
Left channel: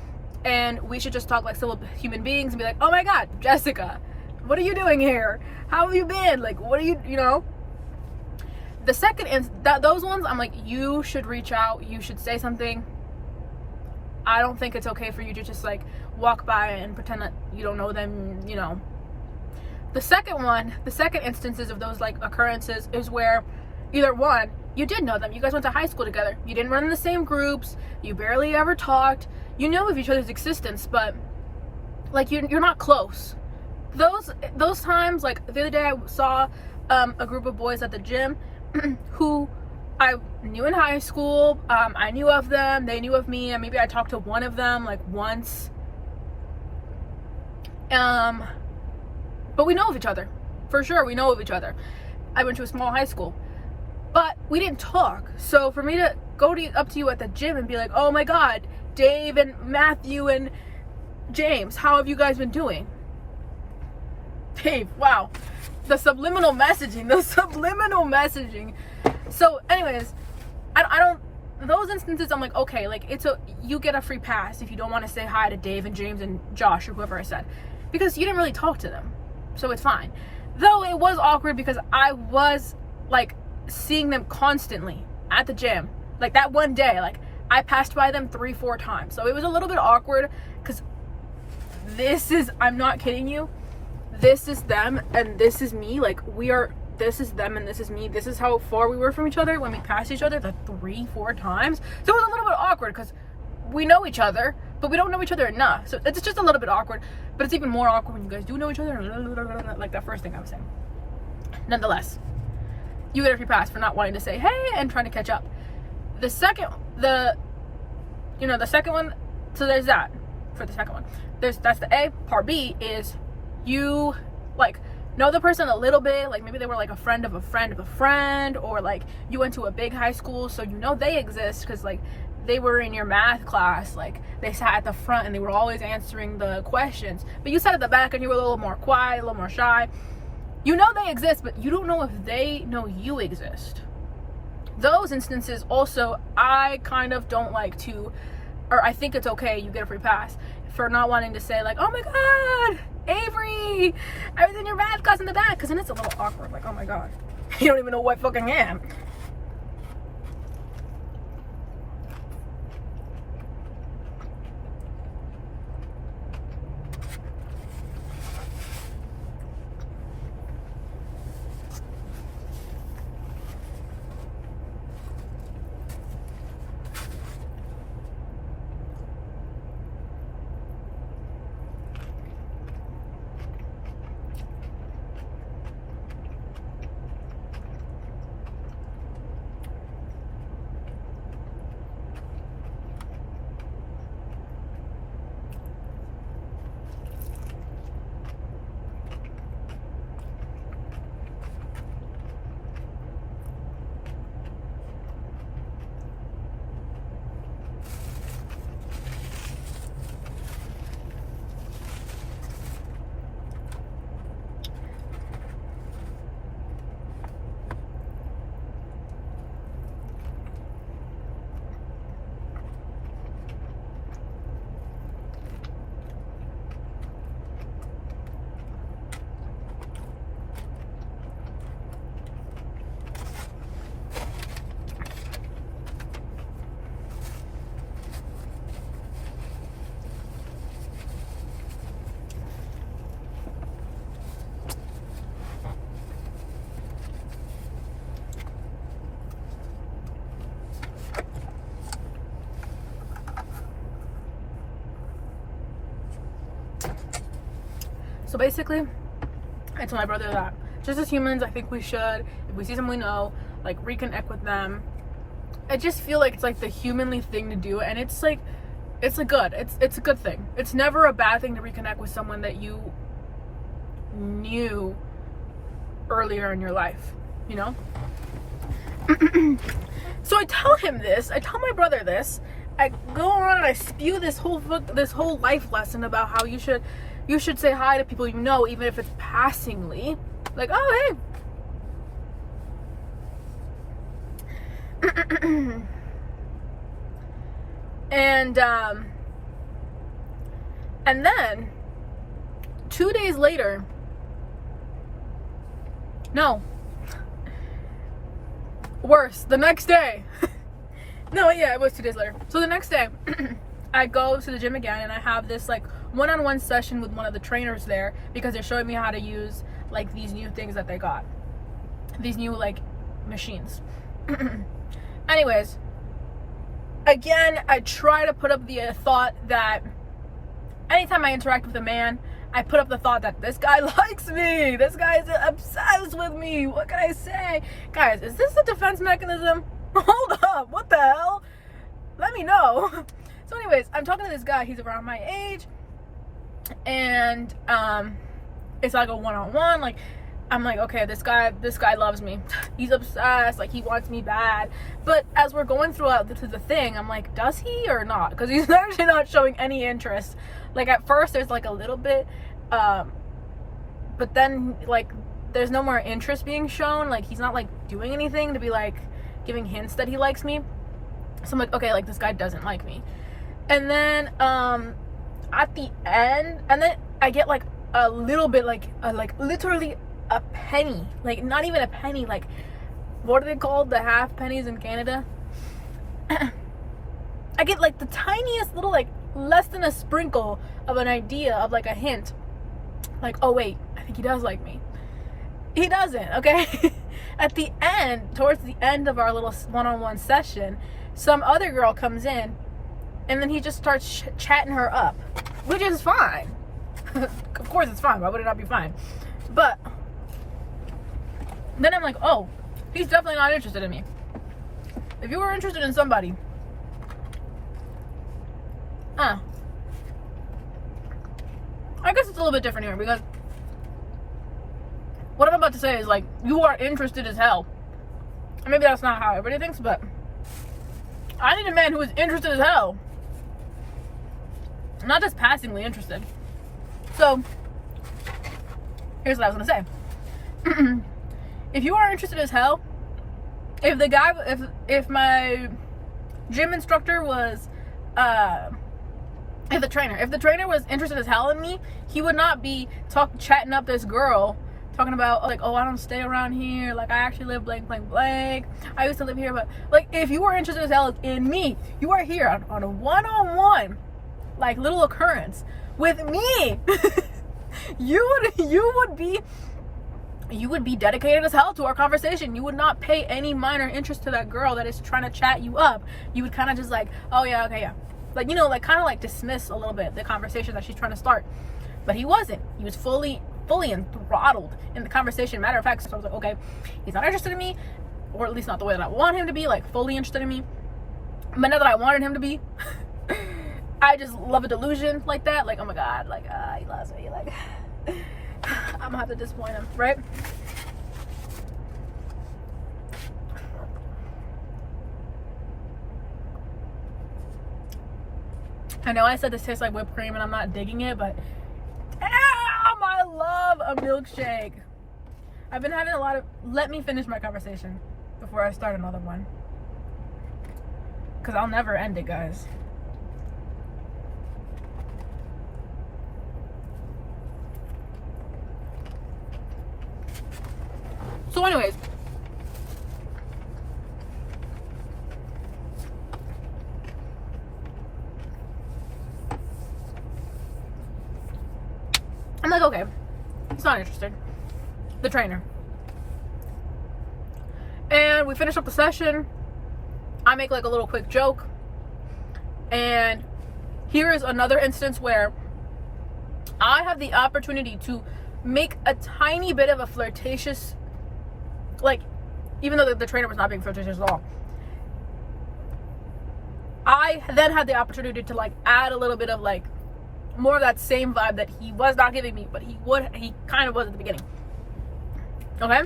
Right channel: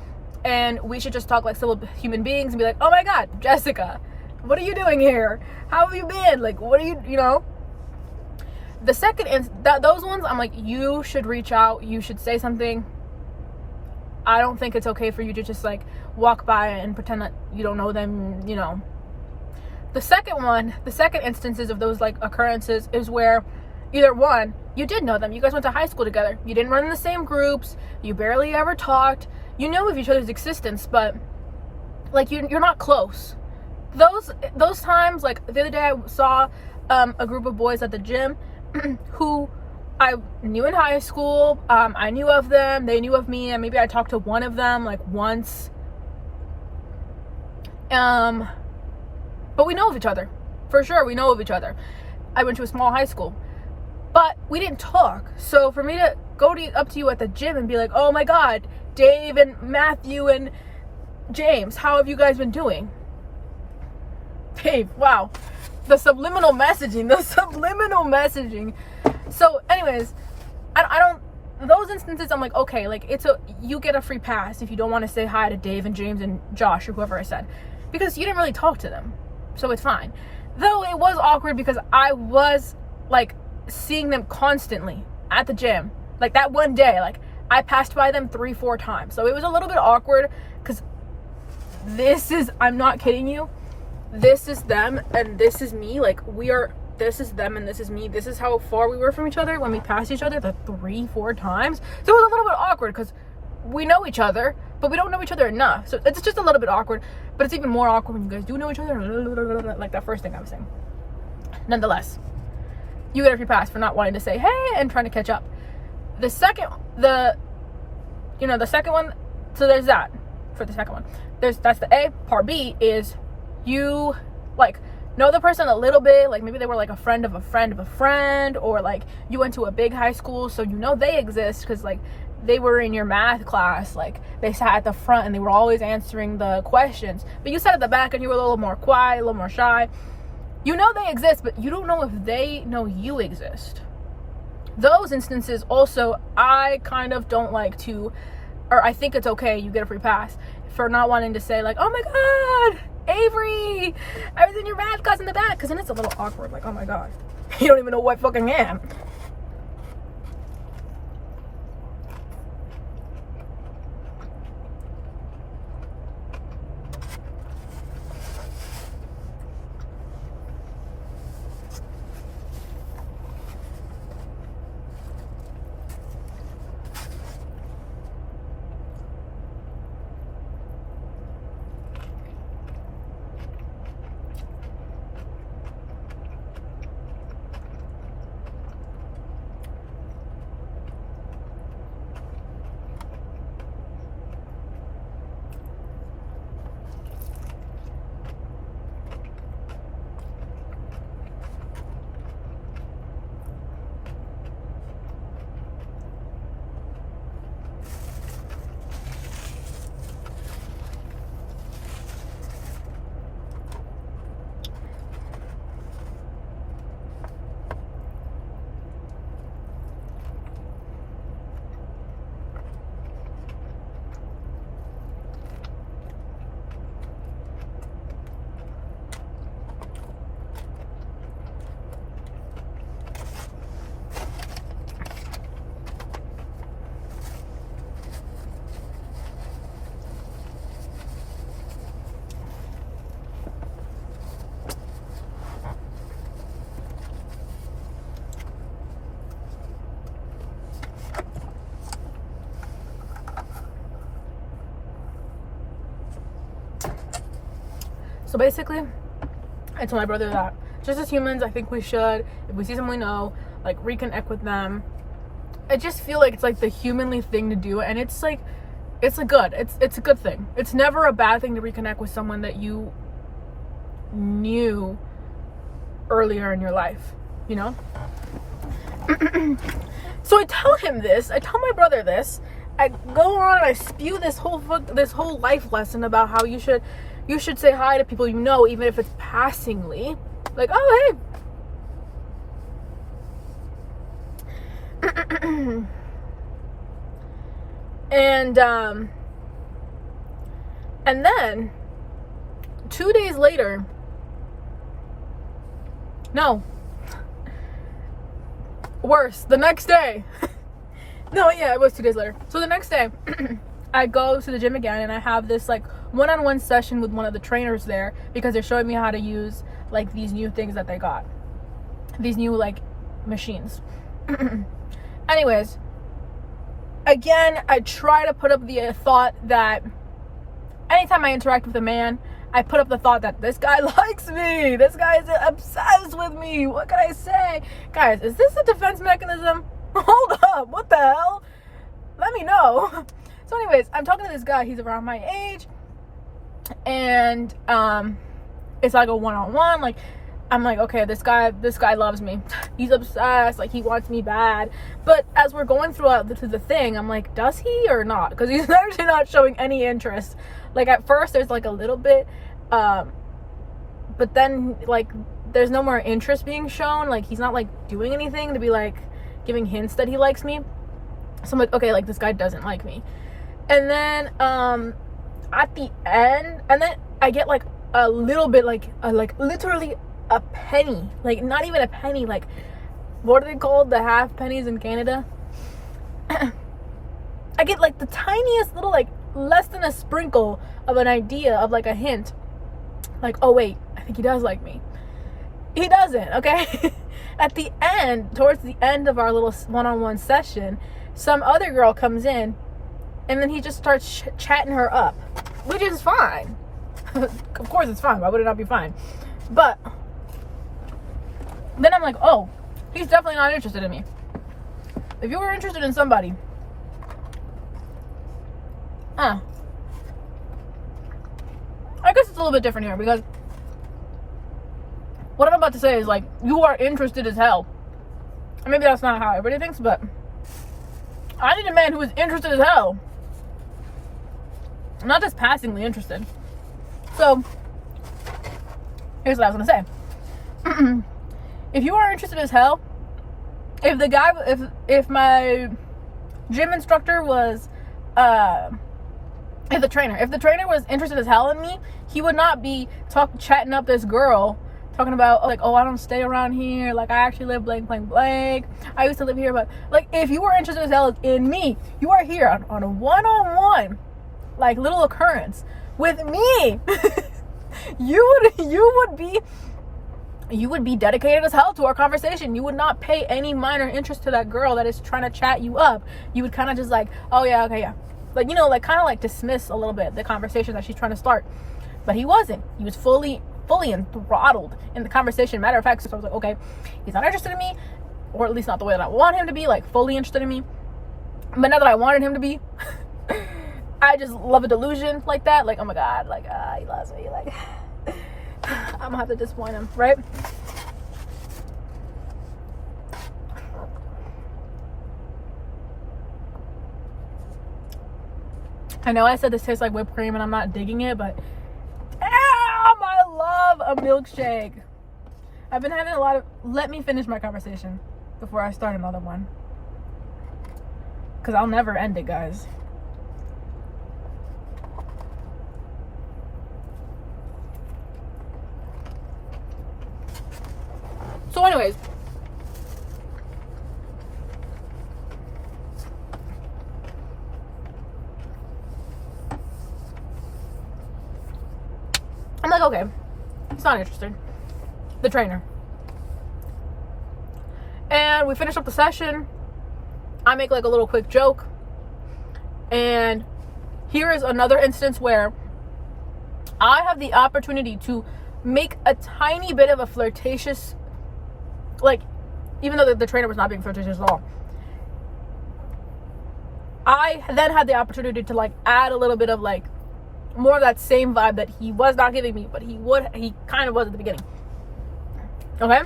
And we should just talk like civil human beings and be like, oh my God, Jessica, what are you doing here? How have you been? Like, what are you know? The second, those ones, I'm like, you should reach out. You should say something. I don't think it's okay for you to just like walk by and pretend that you don't know them, you know. The second instances of those like occurrences is where either one, you did know them. You guys went to high school together. You didn't run in the same groups. You barely ever talked. You know of each other's existence, but like you're not close. Those times, like the other day I saw a group of boys at the gym who I knew in high school. I knew of them. They knew of me, and maybe I talked to one of them like once. But we know of each other. For sure, we know of each other. I went to a small high school. But we didn't talk. So for me to go up to you at the gym and be like, oh my God, Dave and Matthew and James, how have you guys been doing? Dave, wow. The subliminal messaging. So anyways, I don't, those instances I'm like, okay, like you get a free pass if you don't want to say hi to Dave and James and Josh or whoever I said. Because you didn't really talk to them. So it's fine. Though it was awkward because I was like seeing them constantly at the gym. Like that one day, like I passed by them 3-4 times. So it was a little bit awkward because I'm not kidding you. This is them and this is me. Like this is them and this is me. This is how far we were from each other when we passed each other the 3-4 times. So it was a little bit awkward because we know each other, but we don't know each other enough. So it's just a little bit awkward, but it's even more awkward when you guys do know each other. Like that first thing I was saying. Nonetheless, you get a free pass for not wanting to say hey and trying to catch up. The second one, so there's that for the second one. That's the A. Part B is you like know the person a little bit, like maybe they were like a friend of a friend of a friend, or like you went to a big high school, so you know they exist because like they were in your math class, like they sat at the front and they were always answering the questions, but you sat at the back and you were a little more quiet, a little more shy. You know they exist, but you don't know if they know you exist. Those instances also, I kind of don't like to, or I think it's okay, you get a free pass for not wanting to say like, oh my God, Avery, I was in your math class in the back, because then it's a little awkward, like, oh my God, you don't even know who I fucking am. So basically, I told my brother that just as humans, I think we should, if we see someone we know, like reconnect with them I just feel like it's like the humanly thing to do, and it's like it's a good thing. It's never a bad thing to reconnect with someone that you knew earlier in your life, you know. So I tell my brother this. I go on and I spew this whole life lesson about how you should say hi to people you know, even if it's passingly, like, oh hey. And then 2 days later, no, worse, the next day. No, yeah, it was 2 days later. So the next day, I go to the gym again, and I have this like one-on-one session with one of the trainers there, because they're showing me how to use like these new things that they got, these new like machines. Anyways, again, I try to put up the thought that anytime I interact with a man, I put up the thought that this guy likes me. This guy is obsessed with me. What can I say? Guys, is this a defense mechanism? Hold up. What the hell? Let me know. So anyways, I'm talking to this guy. He's around my age. And it's like a one-on-one. Like, I'm like, okay, this guy loves me. He's obsessed. Like, he wants me bad. But as we're going throughout the thing, I'm like, does he or not? Because he's actually not showing any interest. Like, at first, there's like a little bit, but then like there's no more interest being shown. Like, he's not like doing anything to be like giving hints that he likes me. So I'm like, okay, like this guy doesn't like me. And then at the end, and then I get like a little bit, like literally a penny, like not even a penny, like what are they called, the half pennies in Canada? I get like the tiniest little, like less than a sprinkle of an idea of like a hint, like, oh wait, I think he does like me. He doesn't. Okay. At the end, towards the end of our little one-on-one session, some other girl comes in, and then he just starts chatting her up, which is fine. Of course it's fine. Why would it not be fine? But then I'm like, oh, he's definitely not interested in me. If you were interested in somebody, I guess it's a little bit different here, because what I'm about to say is like, you are interested as hell. And maybe that's not how everybody thinks, but I need a man who is interested as hell, not just passingly interested. So here's what I was gonna say. If you are interested as hell, if my gym instructor was if the trainer was interested as hell in me, he would not be chatting up this girl, talking about like, oh, I don't stay around here, like I actually live blank blank blank, I used to live here. But like, if you were interested as hell in me, you are here on a one-on-one like little occurrence with me. you would be dedicated as hell to our conversation. You would not pay any minor interest to that girl that is trying to chat you up. You would kind of just like, oh yeah, okay, yeah, like, you know, like kind of like dismiss a little bit the conversation that she's trying to start. But he wasn't. He was fully enthralled in the conversation. Matter of fact, so I was like, okay, he's not interested in me, or at least not the way that I want him to be, like fully interested in me. But not that I wanted him to be. I just love a delusion like that. Like, oh my god, like he loves me. Like, I'm gonna have to disappoint him, right? I know I said this tastes like whipped cream and I'm not digging it, but damn, I love a milkshake. I've been having a lot of, let me finish my conversation before I start another one, because I'll never end it, guys. So anyways, I'm like, okay, he's not interested. The trainer. And we finish up the session. I make like a little quick joke. And here is another instance where I have the opportunity to make a tiny bit of a flirtatious, like, even though the trainer was not being flirtatious at all, I then had the opportunity to like add a little bit of like more of that same vibe that he was not giving me, but he kind of was at the beginning. Okay?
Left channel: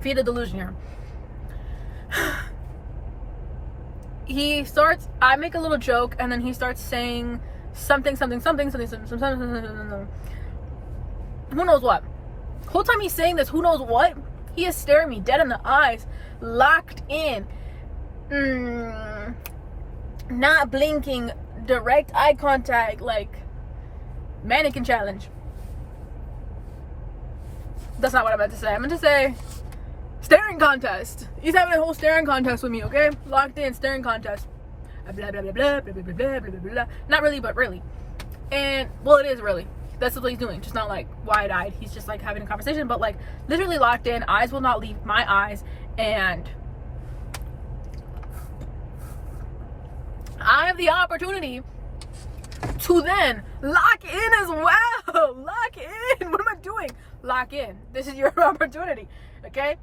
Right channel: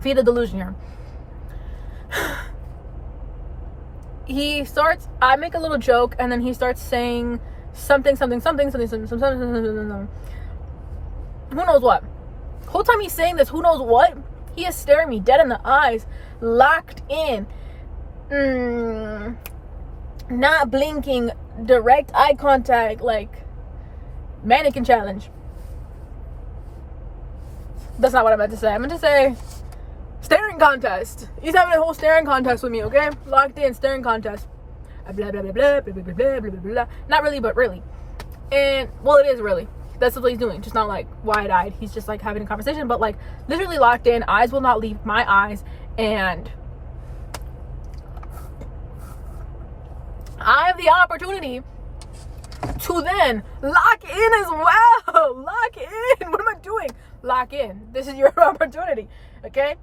Feed the delusion here. I make a little joke, and then he starts saying something. Who knows what? The whole time he's saying this, who knows what? He is staring me dead in the eyes, locked in, not blinking, direct eye contact, like mannequin challenge. That's not what I meant to say. I meant to say staring contest. He's having a whole staring contest with me, okay? Locked in, staring contest. Blah, blah, blah, blah, blah, blah, blah, blah, blah, blah. Not really, but really. And, well, it is really. That's what he's doing. Just not, like, wide-eyed. He's just, like, having a conversation. But, like, literally locked in. Eyes will not leave my eyes. And I have the opportunity to then lock in as well. Lock in. What am I doing? Lock in. This is your opportunity. Okay?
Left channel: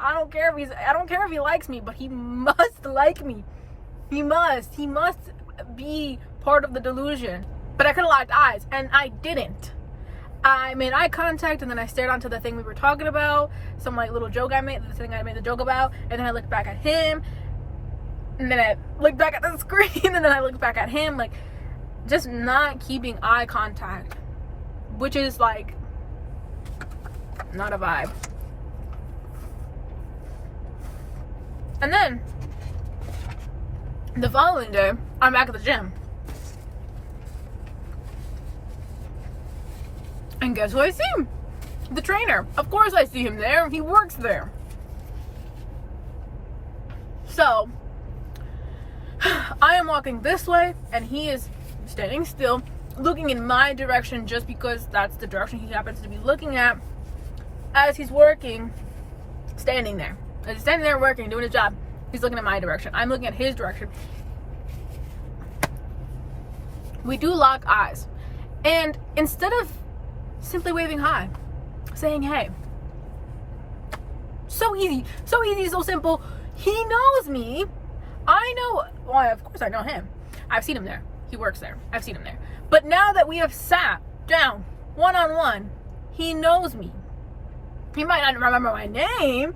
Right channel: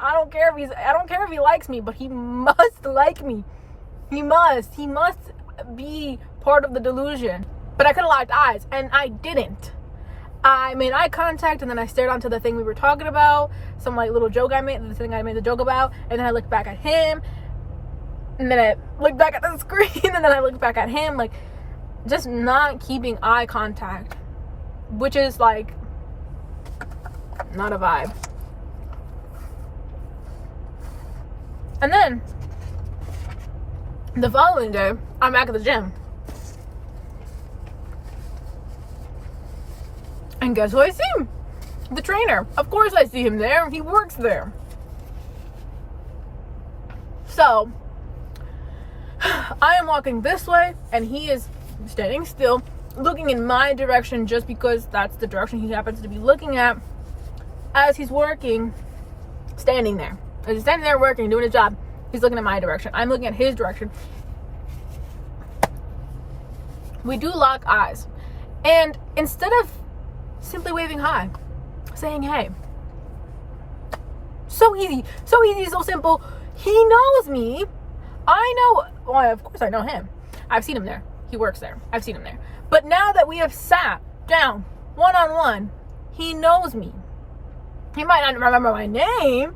I don't care if he likes me, but he must like me. He must be part of the delusion. But I could have locked eyes, and I didn't. I made eye contact, and then I stared onto the thing we were talking about, some like little joke I made, the thing I made the joke about, and then I looked back at him, and then I looked back at the screen, and then I looked back at him, like just not keeping eye contact, which is like not a vibe. And then the following day, I'm back at the gym. And guess who I see? The trainer. Of course I see him there. He works there. So, I am walking this way, and he is standing still, looking in my direction just because that's the direction he happens to be looking at as he's working, standing there. As he's standing there working, doing his job, he's looking at my direction. I'm looking at his direction. We do lock eyes. And instead of simply waving hi, saying hey, so easy, so simple. He knows me. I know, well, of course I know him. I've seen him there. He works there. I've seen him there. But now that we have sat down one-on-one, he knows me. He might not remember my name.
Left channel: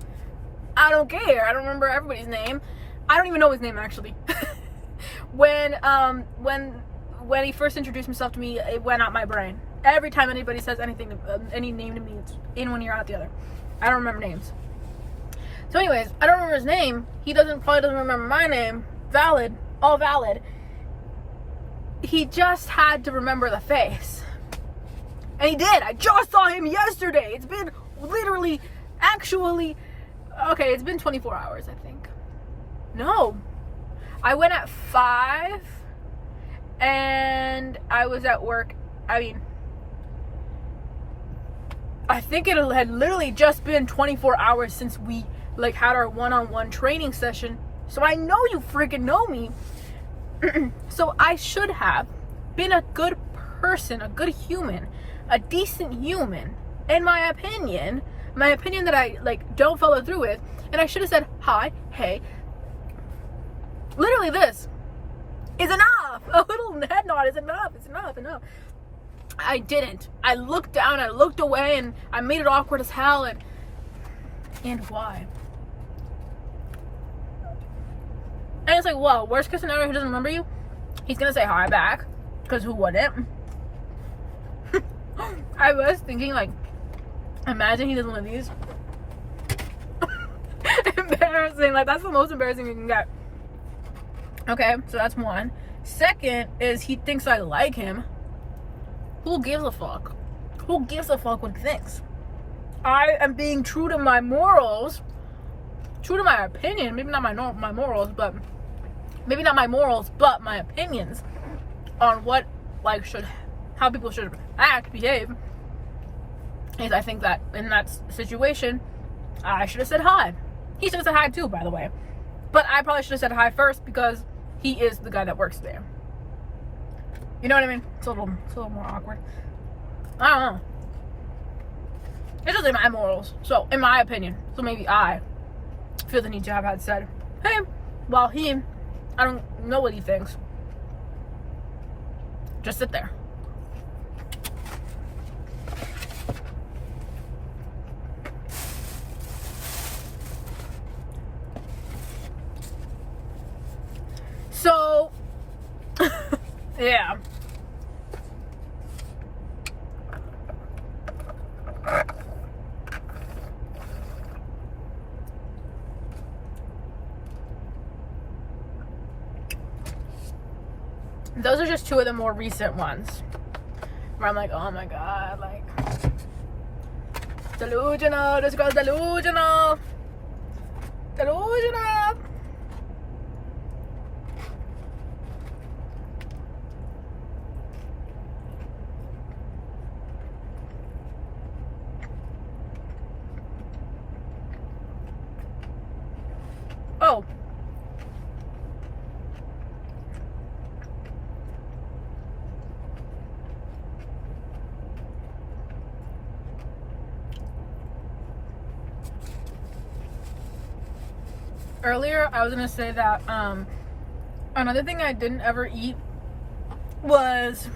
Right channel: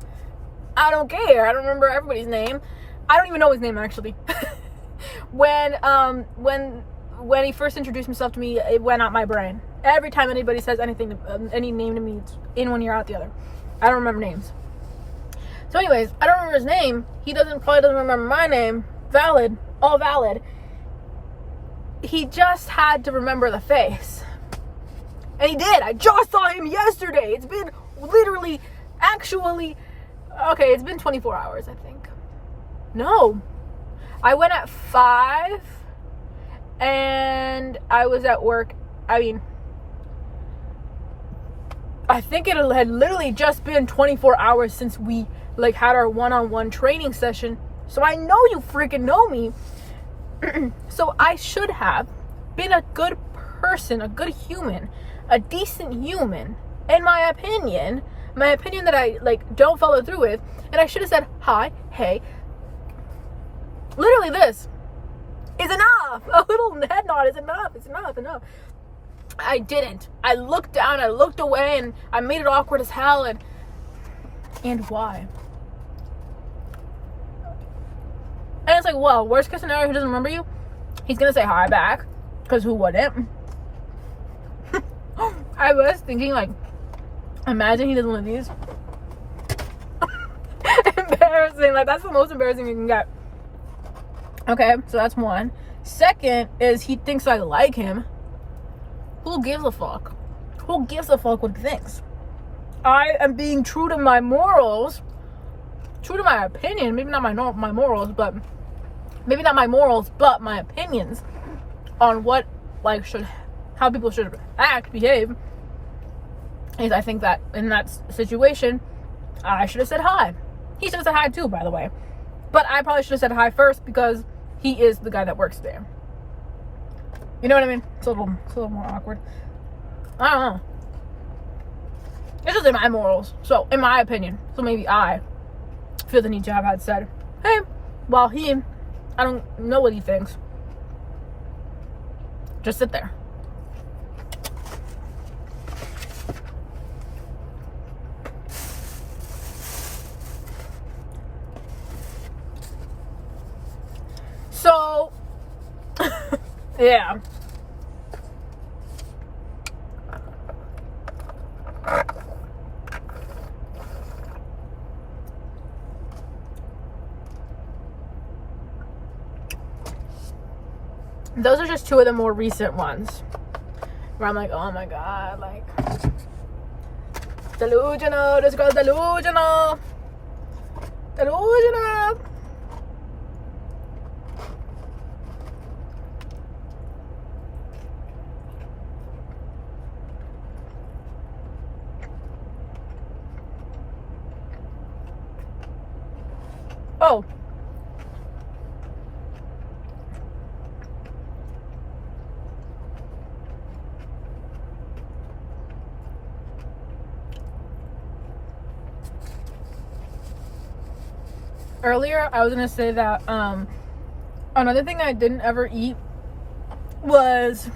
I don't care. I don't remember everybody's name. I don't even know his name, actually. When he first introduced himself to me, it went out my brain. Every time anybody says anything, any name to me, it's in one ear, out the other. I don't remember names. So anyways, I don't remember his name. He probably doesn't remember my name. Valid. All valid. He just had to remember the face. And he did. I just saw him yesterday. It's been literally, actually, okay, it's been 24 hours, I think. No. I went at 5, and I was at work. I think it had literally just been 24 hours since we like had our one-on-one training session. So I know you freaking know me. So I should have been a good person, a good human, a decent human, in my opinion that I like don't follow through with. And I should have said hi, hey. Literally this is enough. A little head nod is enough. It's enough. I didn't. I looked down, I looked away, and I made it awkward as hell. And why? And it's like, well, worst case scenario, he doesn't remember you. He's gonna say hi back, because who wouldn't? I was thinking, like, imagine he does one of these. Embarrassing. Like, that's the most embarrassing you can get. Okay, so that's one. Second is he thinks I like him. Who gives a fuck? Who gives a fuck what he thinks? I am being true to my morals, true to my opinion. Maybe not my morals, but my opinions on what like how people should act, behave. Is I think that in that situation, I should have said hi. He should have said hi too, by the way. But I probably should have said hi first because he is the guy that works there. You know what I mean? It's a little more awkward. I don't know. It's just in my morals. So, in my opinion. So maybe I feel the need to have had said, hey, while I don't know what he thinks. Just sit there. So, yeah. Those are just two of the more recent ones where I'm like, oh my god, like, delusional, this girl's delusional. Delusional. Oh. Earlier, I was gonna say that another thing I didn't ever eat was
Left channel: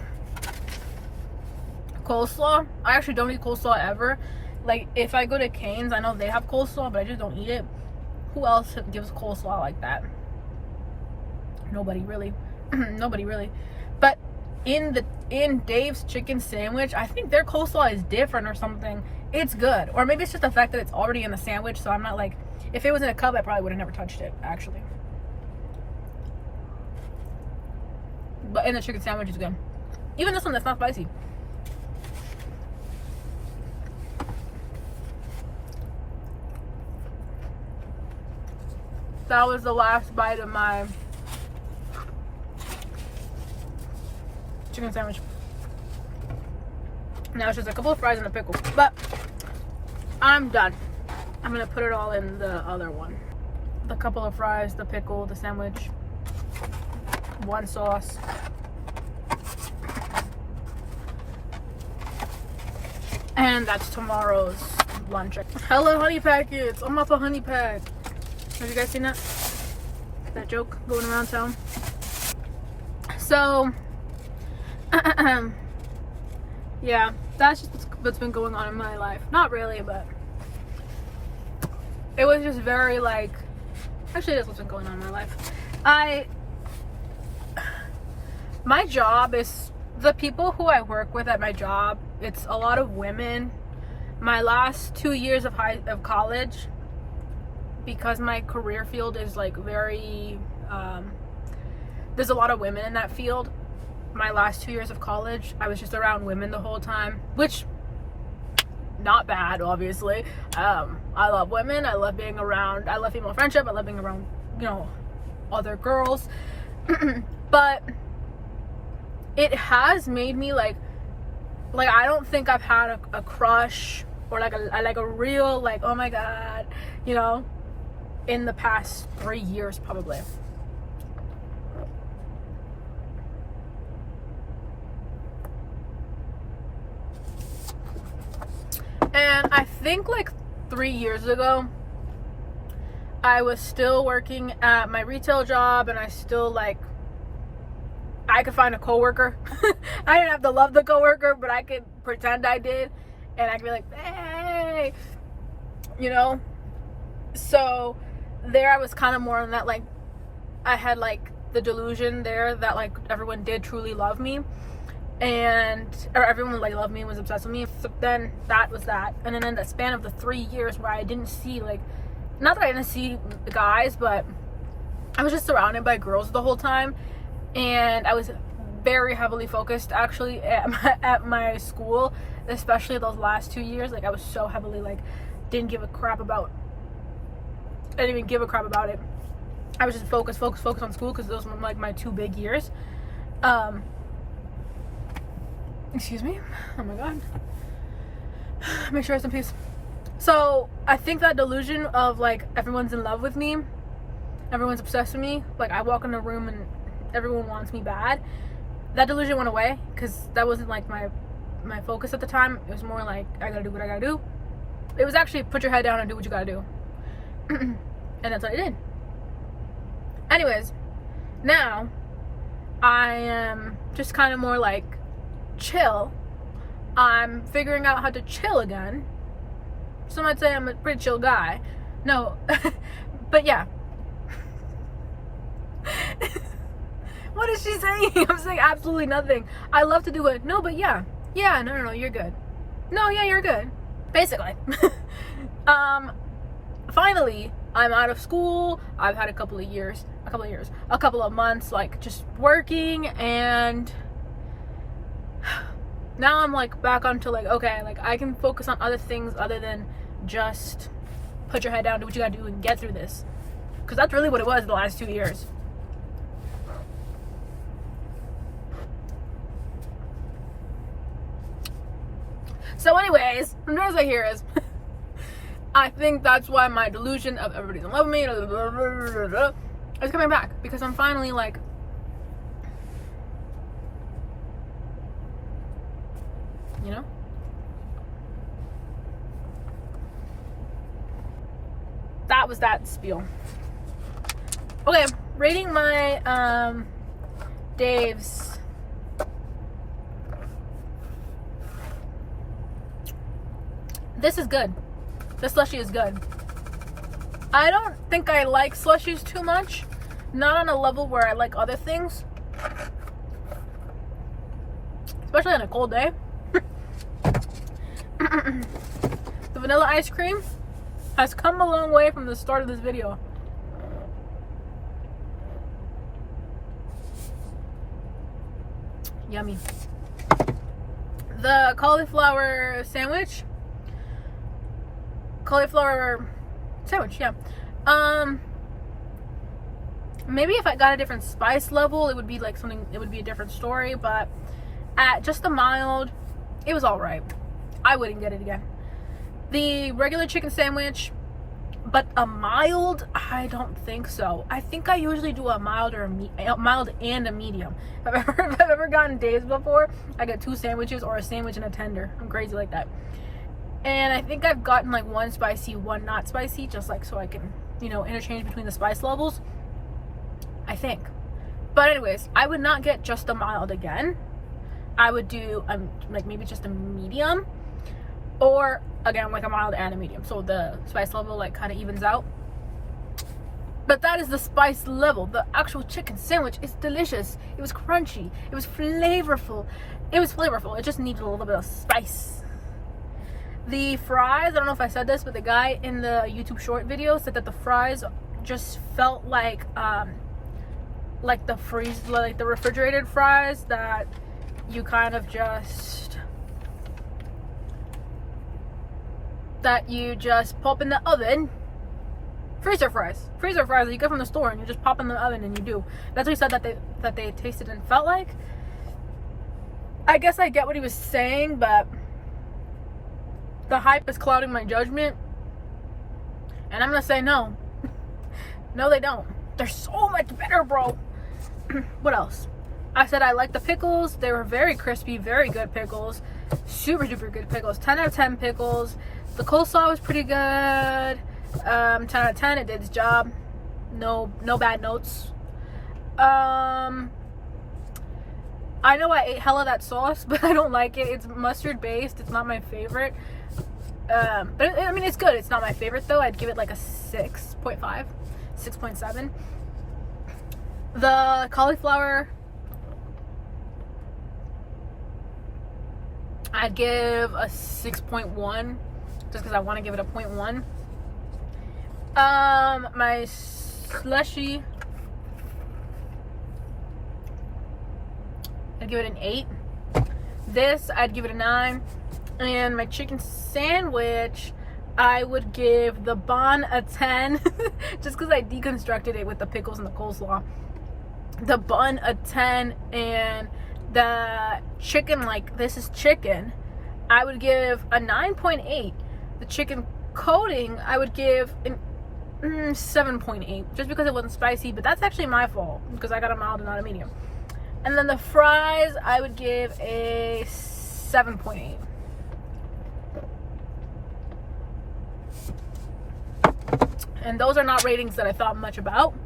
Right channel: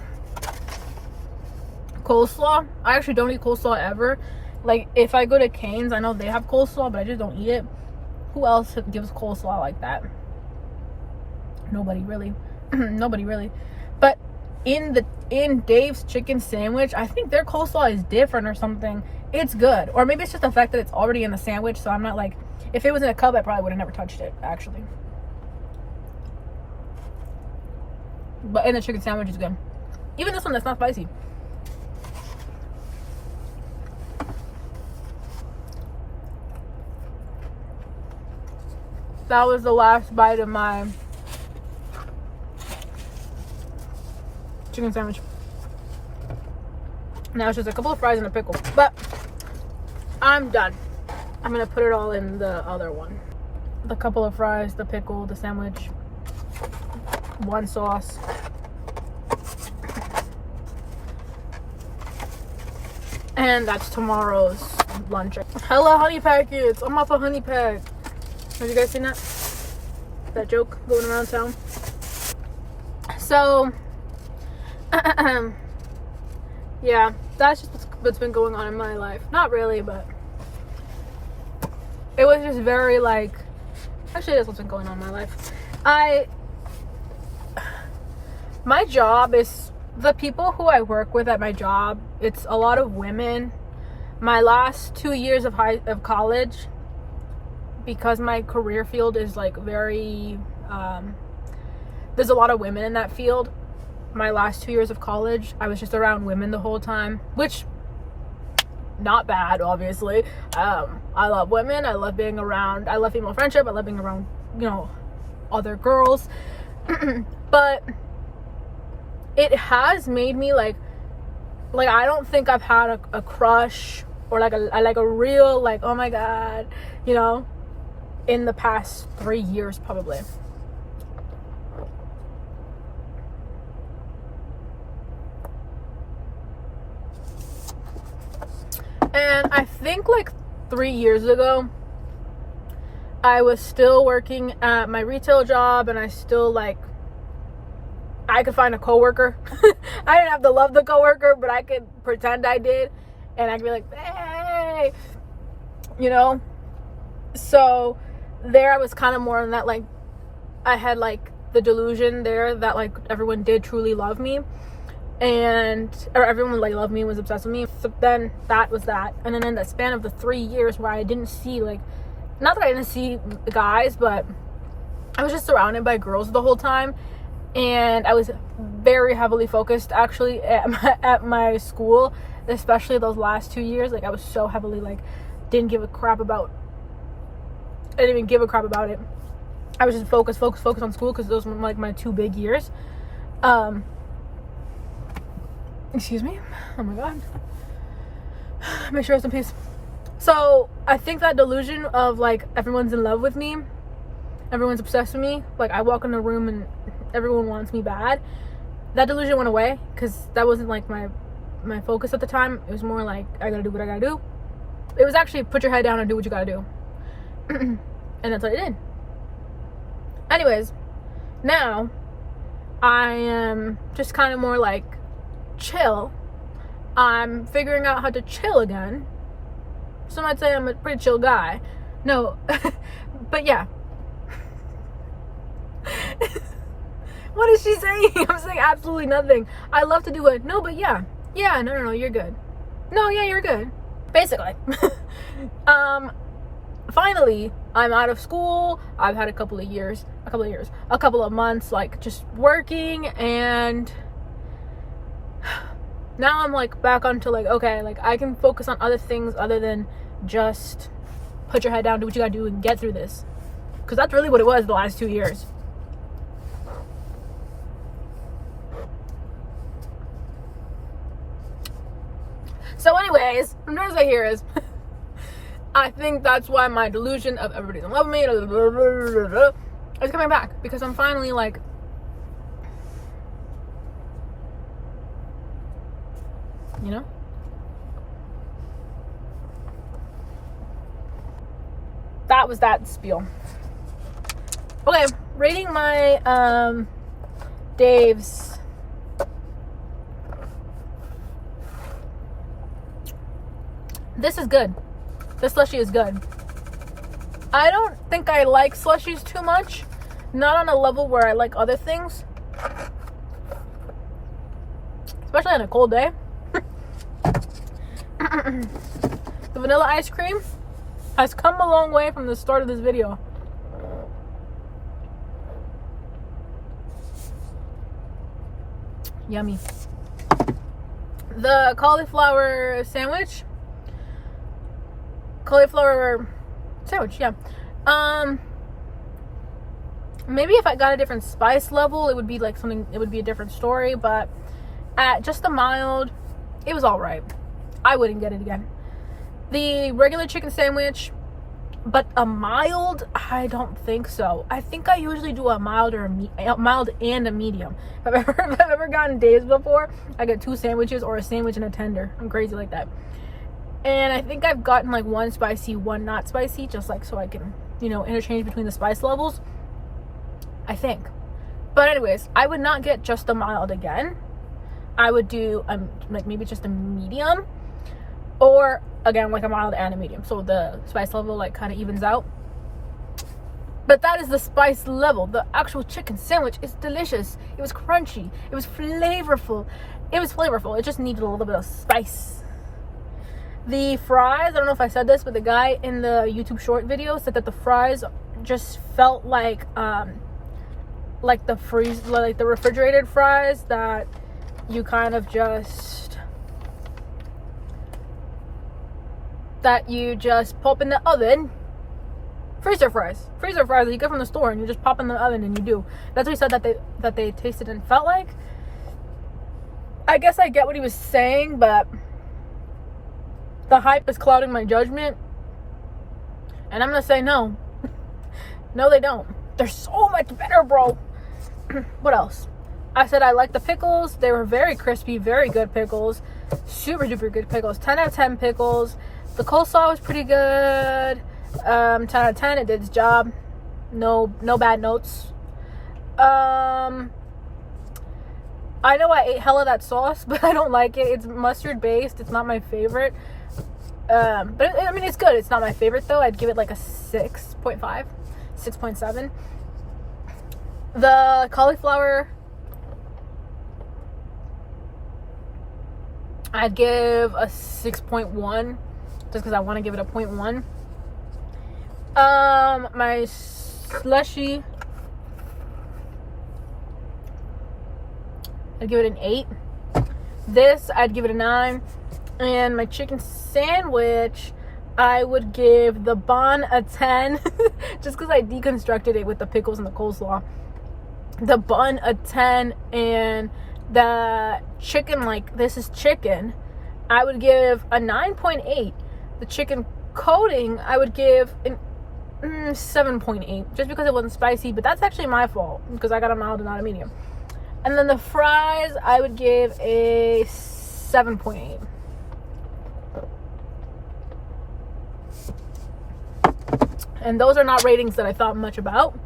coleslaw. I actually don't eat coleslaw ever. Like, if I go to Cane's, I know they have coleslaw, but I just don't eat it. Who else gives coleslaw like that? Nobody really. Nobody really. But in Dave's chicken sandwich, I think their coleslaw is different or something. It's good. Or maybe it's just the fact that it's already in the sandwich, so I'm not like, if it was in a cup, I probably would have never touched it, actually. But in the chicken sandwich is good. Even this one that's not spicy. That was the last bite of my chicken sandwich. Now it's just a couple of fries and a pickle. But I'm done. I'm gonna put it all in the other one. The couple of fries, the pickle, the sandwich, one sauce. And that's tomorrow's lunch. Hella honey packets. I'm off a honey pack. Have you guys seen that? That joke going around town? So, yeah, that's just what's been going on in my life. Not really, but it was just very like, actually that's what's been going on in my life. My job is, the people who I work with at my job, it's a lot of women. My last 2 years of college, because my career field is like very, there's a lot of women in that field. My last 2 years of college, I was just around women the whole time, which not bad, obviously. I love women. I love being around, I love female friendship. I love being around, you know, other girls. But it has made me like I don't think I've had a crush or like a real like, oh my god, you know, in the past 3 years probably. And I think like 3 years ago, I was still working at my retail job, and I still like, I could find a coworker. I didn't have to love the coworker, but I could pretend I did, and I could be like, hey, you know. So there, I was kind of more on that, like, I had like the delusion there that like everyone did truly love me, or everyone like loved me, was obsessed with me. So then that was that, and then in the span of the 3 years where I didn't see, like, not that I didn't see guys, but I was just surrounded by girls the whole time. And I was very heavily focused actually at my school, especially those last 2 years. Like, I was so heavily like, I didn't even give a crap about it. I was just focused on school, because those were like my 2 big years. Excuse me. Oh my god. Make sure I have some peace. So I think that delusion of like everyone's in love with me, everyone's obsessed with me, like I walk in a room and everyone wants me bad, that delusion went away, because that wasn't like my focus at the time. It was more like, I gotta do what I gotta do. It was actually put your head down and do what you gotta do. And that's what I did. Anyways, now I am just kind of more like chill. I'm figuring out how to chill again. Some might say I'm a pretty chill guy. No, but yeah. What is she saying? I'm saying absolutely nothing. I love to do it. No, but yeah. Yeah, no, you're good. No, yeah, you're good. Basically. Finally, I'm out of school. I've had a couple of months, like, just working, and now I'm like back onto like, okay, like I can focus on other things other than just put your head down, do what you gotta do, and get through this. Because that's really what it was the last 2 years. So anyways, from there as I hear is, I think that's why my delusion of everybody's in love with me is coming back. Because I'm finally like, you know? That was that spiel. Okay, rating my Dave's. This is good. This slushie is good. I don't think I like slushies too much. Not on a level where I like other things. Especially on a cold day. The vanilla ice cream has come a long way from the start of this video. Yummy. The cauliflower sandwich, yeah. Maybe if I got a different spice level, it would be like something, it would be a different story, but at just a mild, it was all right. I wouldn't get it again. The regular chicken sandwich, but a mild, I don't think so. I think I usually do a mild or a mild and a medium. If I've ever gotten Dave's before, I get 2 sandwiches or a sandwich and a tender. I'm crazy like that. And I think I've gotten like 1 spicy, 1 not spicy, just like so I can, you know, interchange between the spice levels. I think. But anyways, I would not get just a mild again. I would do like maybe just a medium, or again like a mild and a medium, so the spice level like kind of evens out. But that is the spice level. The actual chicken sandwich is delicious. It was crunchy. It was flavorful. It just needed a little bit of spice. The fries, I don't know if I said this, but the guy in the YouTube short video said that the fries just felt like the refrigerated fries that you kind of just pop in the oven. Freezer fries that you get from the store and you just pop in the oven and you do. That's what he said that they tasted and felt like. I guess I get what he was saying, but the hype is clouding my judgment, and I'm gonna say no. No, they don't. They're so much better, bro. What else? I said I like the pickles. They were very crispy, very good pickles. Super duper good pickles. 10 out of 10 pickles. The coleslaw was pretty good. 10 out of 10. It did its job. No bad notes. I know I ate hella that sauce, but I don't like it. It's mustard based. It's not my favorite. But I mean, it's good. It's not my favorite though. I'd give it like a 6.5, 6.7. The cauliflower, I'd give a 6.1 just because I want to give it a 0.1. My slushy, I'd give it an 8. This, I'd give it a 9. And my chicken sandwich, I would give the bun a 10 just because I deconstructed it with the pickles and the coleslaw. The bun a 10, and the chicken, like this is chicken, I would give a 9.8. The chicken coating, I would give an 7.8 just because it wasn't spicy, but that's actually my fault because I got a mild and not a medium. And then the fries, I would give a 7.8. And those are not ratings that I thought much about.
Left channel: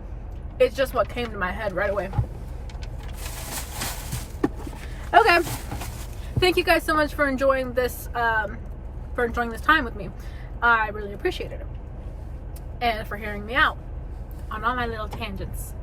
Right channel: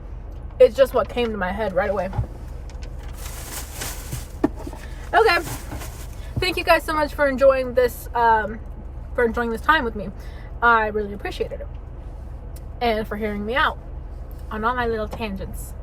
It's just what came to my head right away. Okay. Thank you guys so much for enjoying this time with me. I really appreciated it. And for hearing me out on all my little tangents.